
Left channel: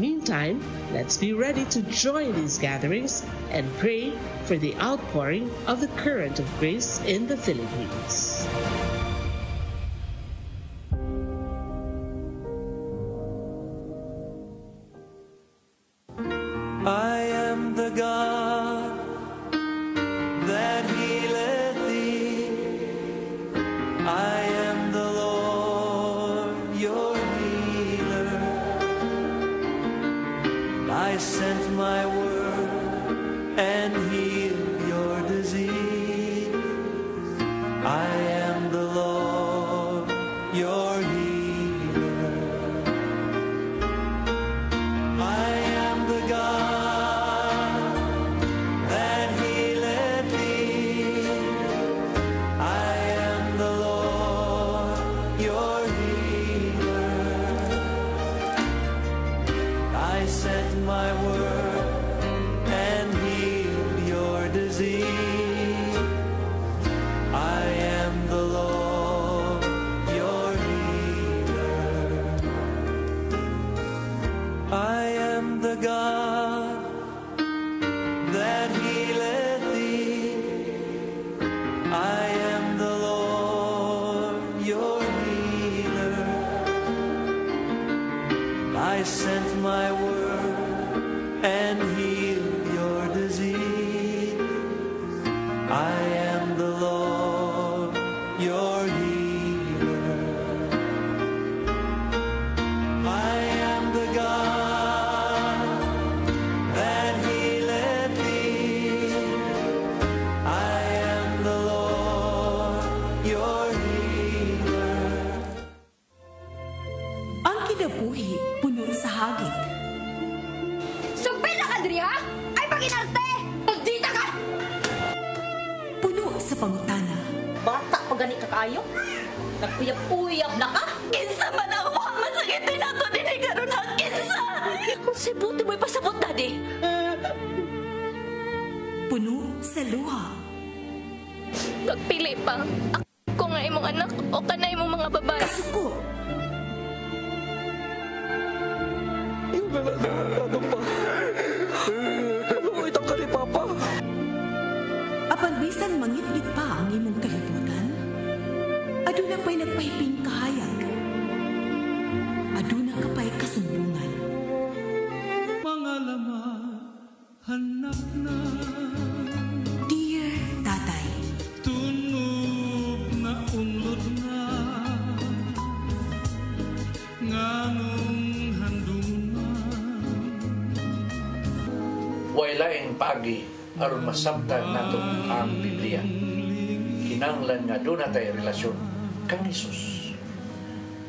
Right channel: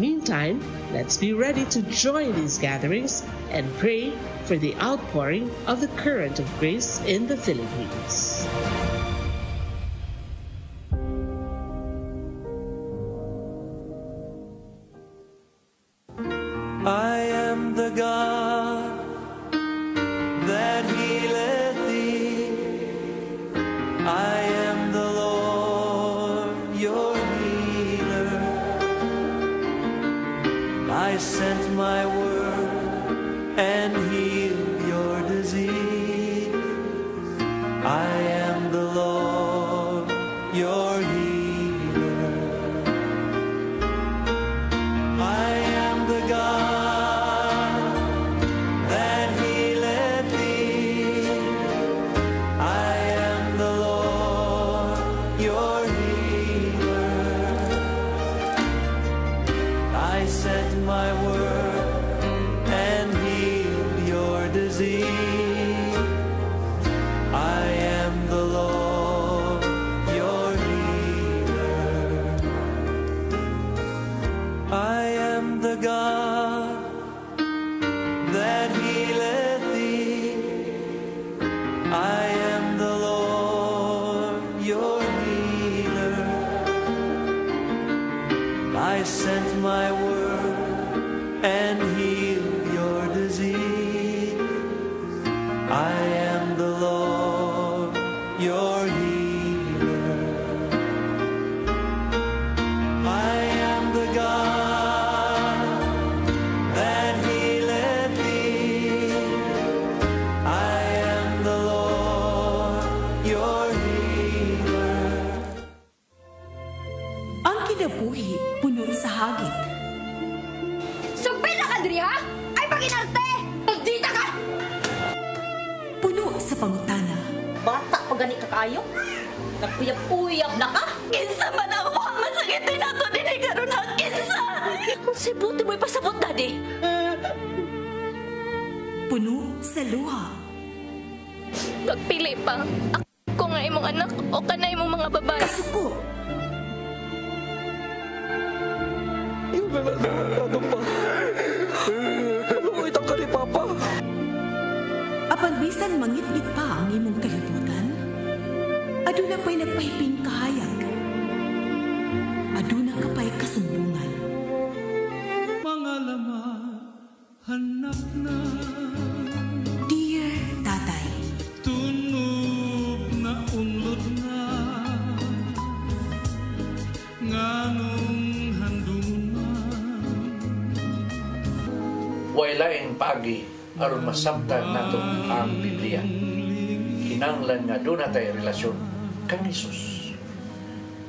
Meantime, let's be ready to join these gatherings and pray for the outpouring of the current of grace in the Philippines. I am the God that healeth thee. I am the Lord, your healer. I sent my word and healed your disease. I am the Lord, your healer. I am the God that healeth thee. I am the Lord, your healer. I sent my word and healed your disease. I am the Lord, your healer. I am the God that healeth thee. I am the Lord, your healer. I sent my word and healed your disease. I am the Lord, your healer. I am the God that healeth thee. I am the Lord, your healer. Ang kinabuhi puno sa hagit. Sugpin na ka, Dri, ha? Ay, pag-inarte! Magdita ka! Puno sa pangutana. Bata pa gani ka kayo? Nagpuyab-uyab na ka? Kinsa man ang mukhang masakitin nato din ay karoon na kinsa! Kung si buti mo'y pasabot, Daddy. Puno sa luha. Pagpili pa. Ako nga imong anak o kanay imong mga babae. Kasuko. Yung nananado pa. Ano itang ka ni Papa? Apan bisan mangit-ngit pa ang imong kalibutan, aduna pa'y nagpahiping kahayag. Aduna ka pa'y kasundungan. Mga laman, hanap na. Dear Tatay, Tunog na unlod na. Nganong handungan. Wailaing paagi aron masabtan nato ang Biblia. Kinahanglan nga doon na tayo relasyon kang Jesus.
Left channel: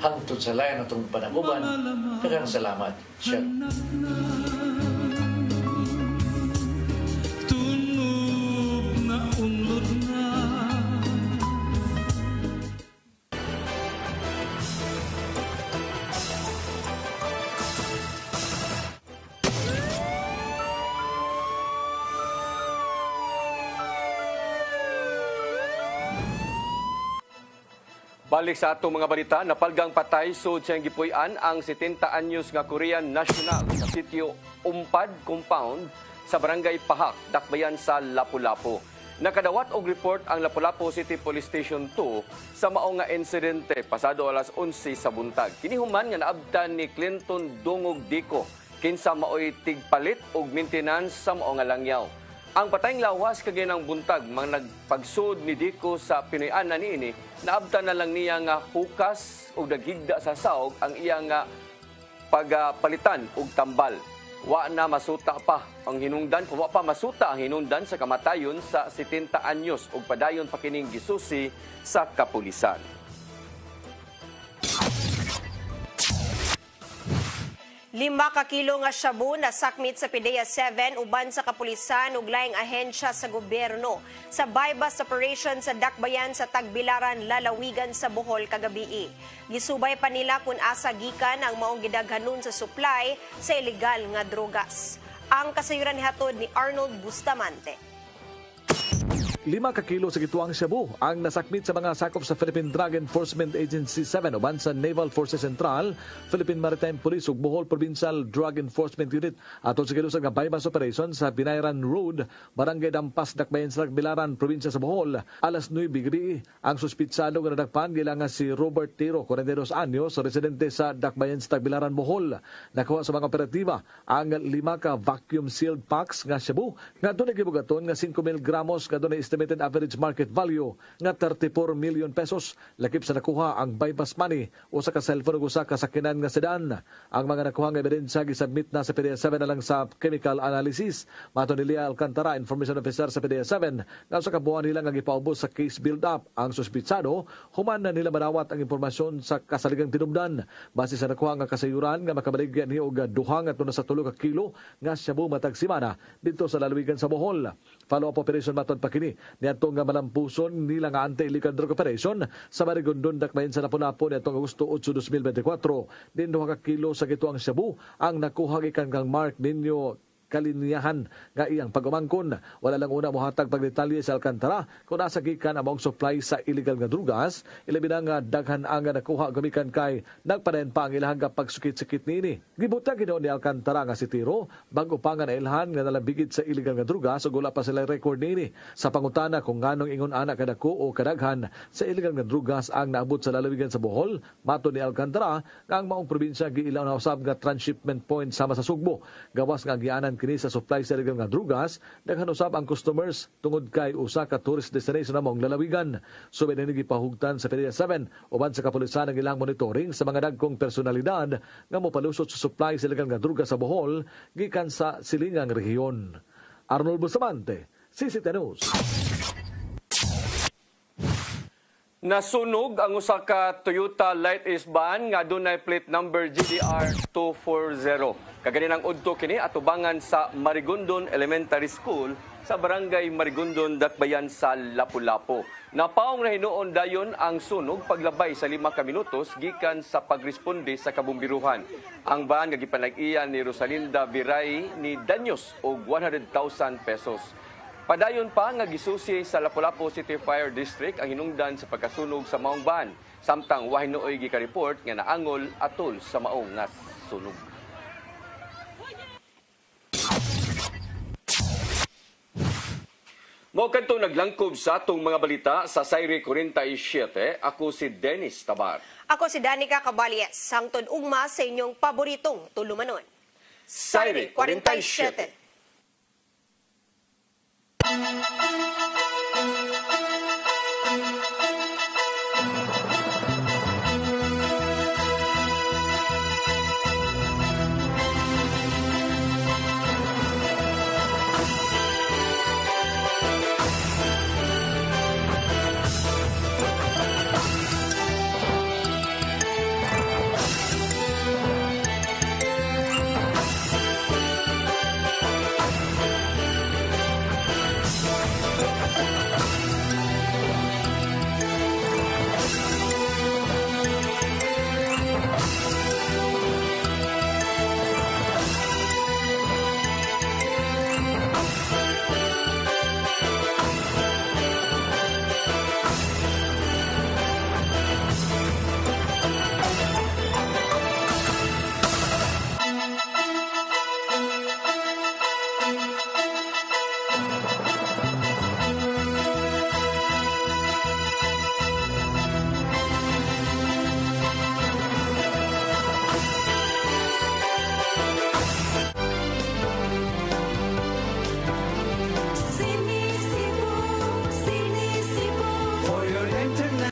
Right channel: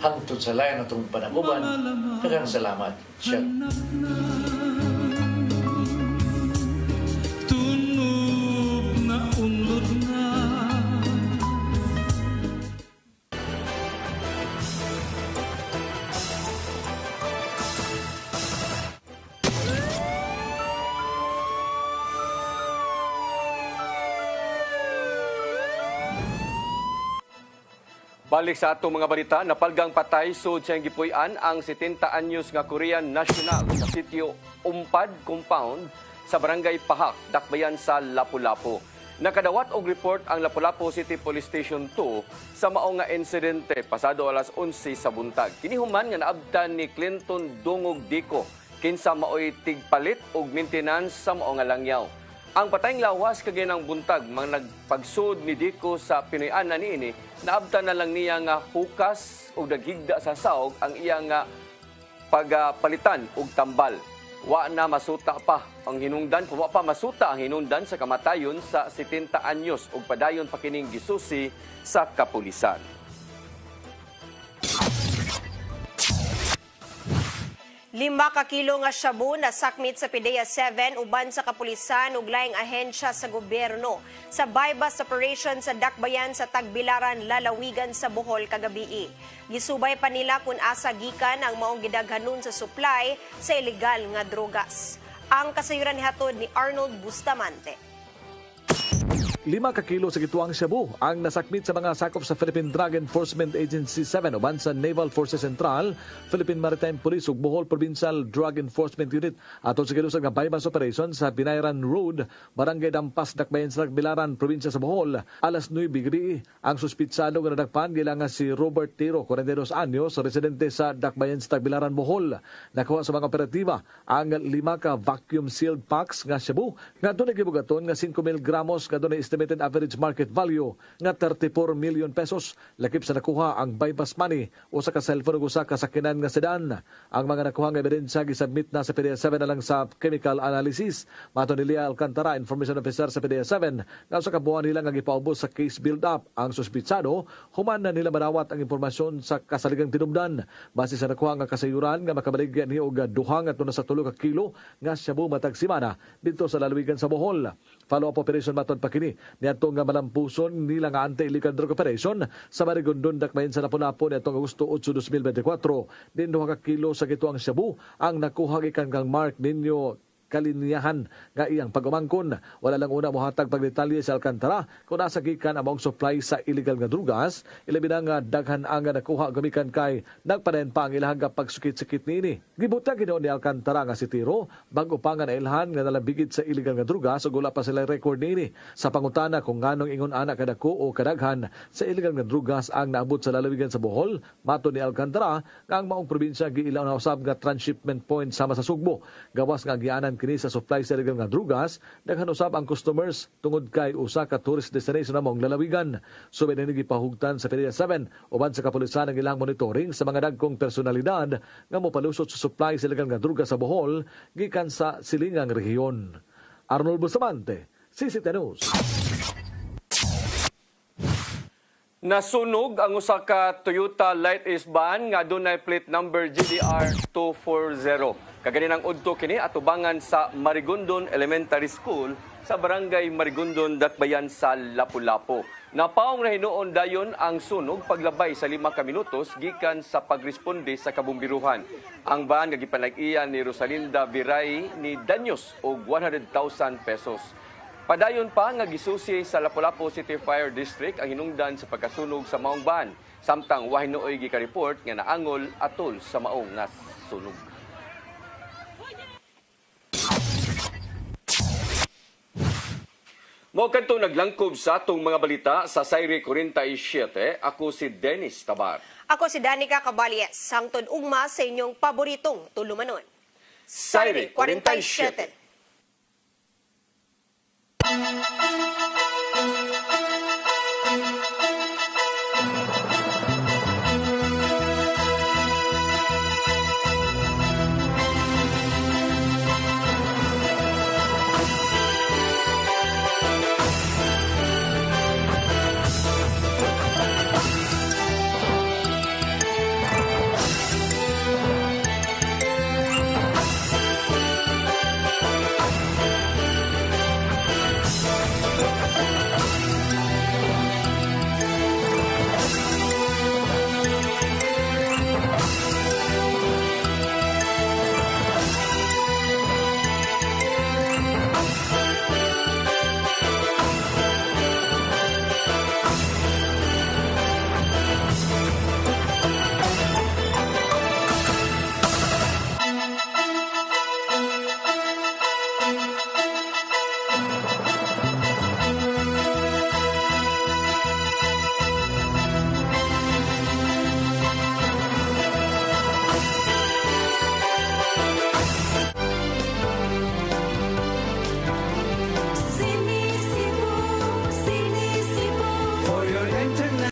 Hangtod sa layan natong panaguban, daghang salamat. Shalom. Tunog na unlod na. Balik sa atong mga balita, napalgang patay sud siyang gipuy-an ang 70 anyos nga Korean national sa sitio Umpad Compound sa barangay Pahak, Dakbayan sa Lapu-Lapu. Nakadawat og report ang Lapu-Lapu City Police Station 2 sa mao nga insidente pasado alas 11 sa buntag. Kini human nga naabtan ni Clinton Dungog Dico kinsa maoy tigpalit og maintenance sa mao nga langyaw. Ang patayng lawas kagay ng buntag mga nagpagsud ni Dico sa Pinoy-ana niini, naabtan na lang niya nga hukas o daghigda sa saog ang iya nga pagpalitan og tambal. Wa na masuta pa ang hinungdan, wa pa masuta ang hinungdan sa kamatayon sa 70 anyos ug padayon pa kining gisusi sa kapulisan. Lima ka kilo nga shabu na sakmit sa PDEA 7 uban sa kapulisan ug laing ahensya sa gobyerno sa buy-bust operation sa Dakbayan sa Tagbilaran, Lalawigan sa Bohol kagabi. Gisubay pa nila kung asa gikan ang maong gidaghanon sa supply sa ilegal nga drogas. Ang kasayuran hatod ni Arnold Bustamante. 5 ka kilo sa gituang shabu ang nasakmit sa mga sakop sa Philippine Drug Enforcement Agency 7 uban sa Naval Forces Central, Philippine Maritime Police ug Bohol Provincial Drug Enforcement Unit atol sa gilusag nga buy-bust operation sa Binayran Road, Barangay Dampas, Dakbayan sa Tagbilaran, probinsya sa Bohol. Alas 9 gabi, ang suspitsado nga nadakpan gilang si Robert Tiro, 42 anyos, residente sa Dakbayan sa Tagbilaran, Bohol. Nakuha sa mga operatiba ang 5 ka vacuum sealed packs nga shabu nga dunay gibugaton nga 5,000 gramos nga dunay estimated average market value nga 34 million pesos. Lakip sa nakuha ang buy-bust money o sa ka-cellphone ug usa ka sakinan nga sedan. Ang mga nakuha nga ebidensya gisubmit na sa PDEA 7 na lang sa chemical analysis. Mato ni Lia Alcantara, information officer sa PDEA 7, na sa kabuuan nila nga gipaubos sa case build-up ang suspitsado, human na nila madawat ang impormasyon sa kasaligang tinubdan. Base sa nakuha nga kasayuran nga makabaligyan ni og 2 ngadto sa 3 ka kilo nga shabu matag semana dito sa lalawigan sa Bohol. Follow-up operation matod pa kini niadto nga malampuson nila nga anti-illegal drug operation sa Marigondon, Dakbayan sa Lapu-Lapu niadto Agosto 8, 2024. Din 2 ka kilo sa gituang shabu ang nakuha gikan kang Mark Ninyo kalinyahan nga iyang pagumangkon. Wala lang una mohatag pagdetalye sa Alcantara kung nasa gikan among supply sa illegal nga drugas. Ilabi na nga daghan ang nakuha gumikan kay nagpadayon pa ang ilahang pagsukit-sikit niini. Gibutang ginoon ni Alcantara nga si Tiro bago pa nga nailhan nga nalabigit sa illegal nga drugas ug wala pa sila record niini. Sa pangutana kung nganong ingon ana kadako o kadaghan sa illegal nga drugas ang naabot sa lalawigan sa Bohol, mato ni Alcantara nga ang maong probinsya giilaw na usab nga transshipment point sama sa Sugbo. Gawas nga gianan kini sa supply sa illegal nga drugas, daghan usab ang customers tungod kay usa ka tourist destination namong lalawigan. Subay na gipahugtan sa PDEA 7 uban sa kapulisan ang ilang monitoring sa mga dagkong personalidad nga mopalusot sa supply sa illegal nga drugas sa Bohol gikan sa silingang rehiyon. Arnold Bustamante, CCTV News. Nasunog ang usa ka Toyota Light Ace van nga adunay plate number GDR 240. Kaganinang udto kini atubangan sa Marigondon Elementary School sa Barangay Marigondon, Dakbayan sa Lapu-Lapu. Napaong na hinuon dayon ang sunog paglabay sa 5 ka minutos gikan sa pagresponde sa kabumbiruhan. Ang van nga gipanag-iyan ni Rosalinda Viray ni Danyos og 100,000 pesos. Padayon pa nga gisusi sa Lapu-Lapu City Fire District ang hinungdan sa pagkasunog sa maong van. Samtang wa hinuoy gika-report nga naangol atol sa maong nga sunog. Mao kadto naglangkob sa atong mga balita sa Sayre 47. Ako si Dennis Tabar. Ako si Danica Caballes. Hangtod ugma sa inyong paboritong tulumanon. Sayre 47.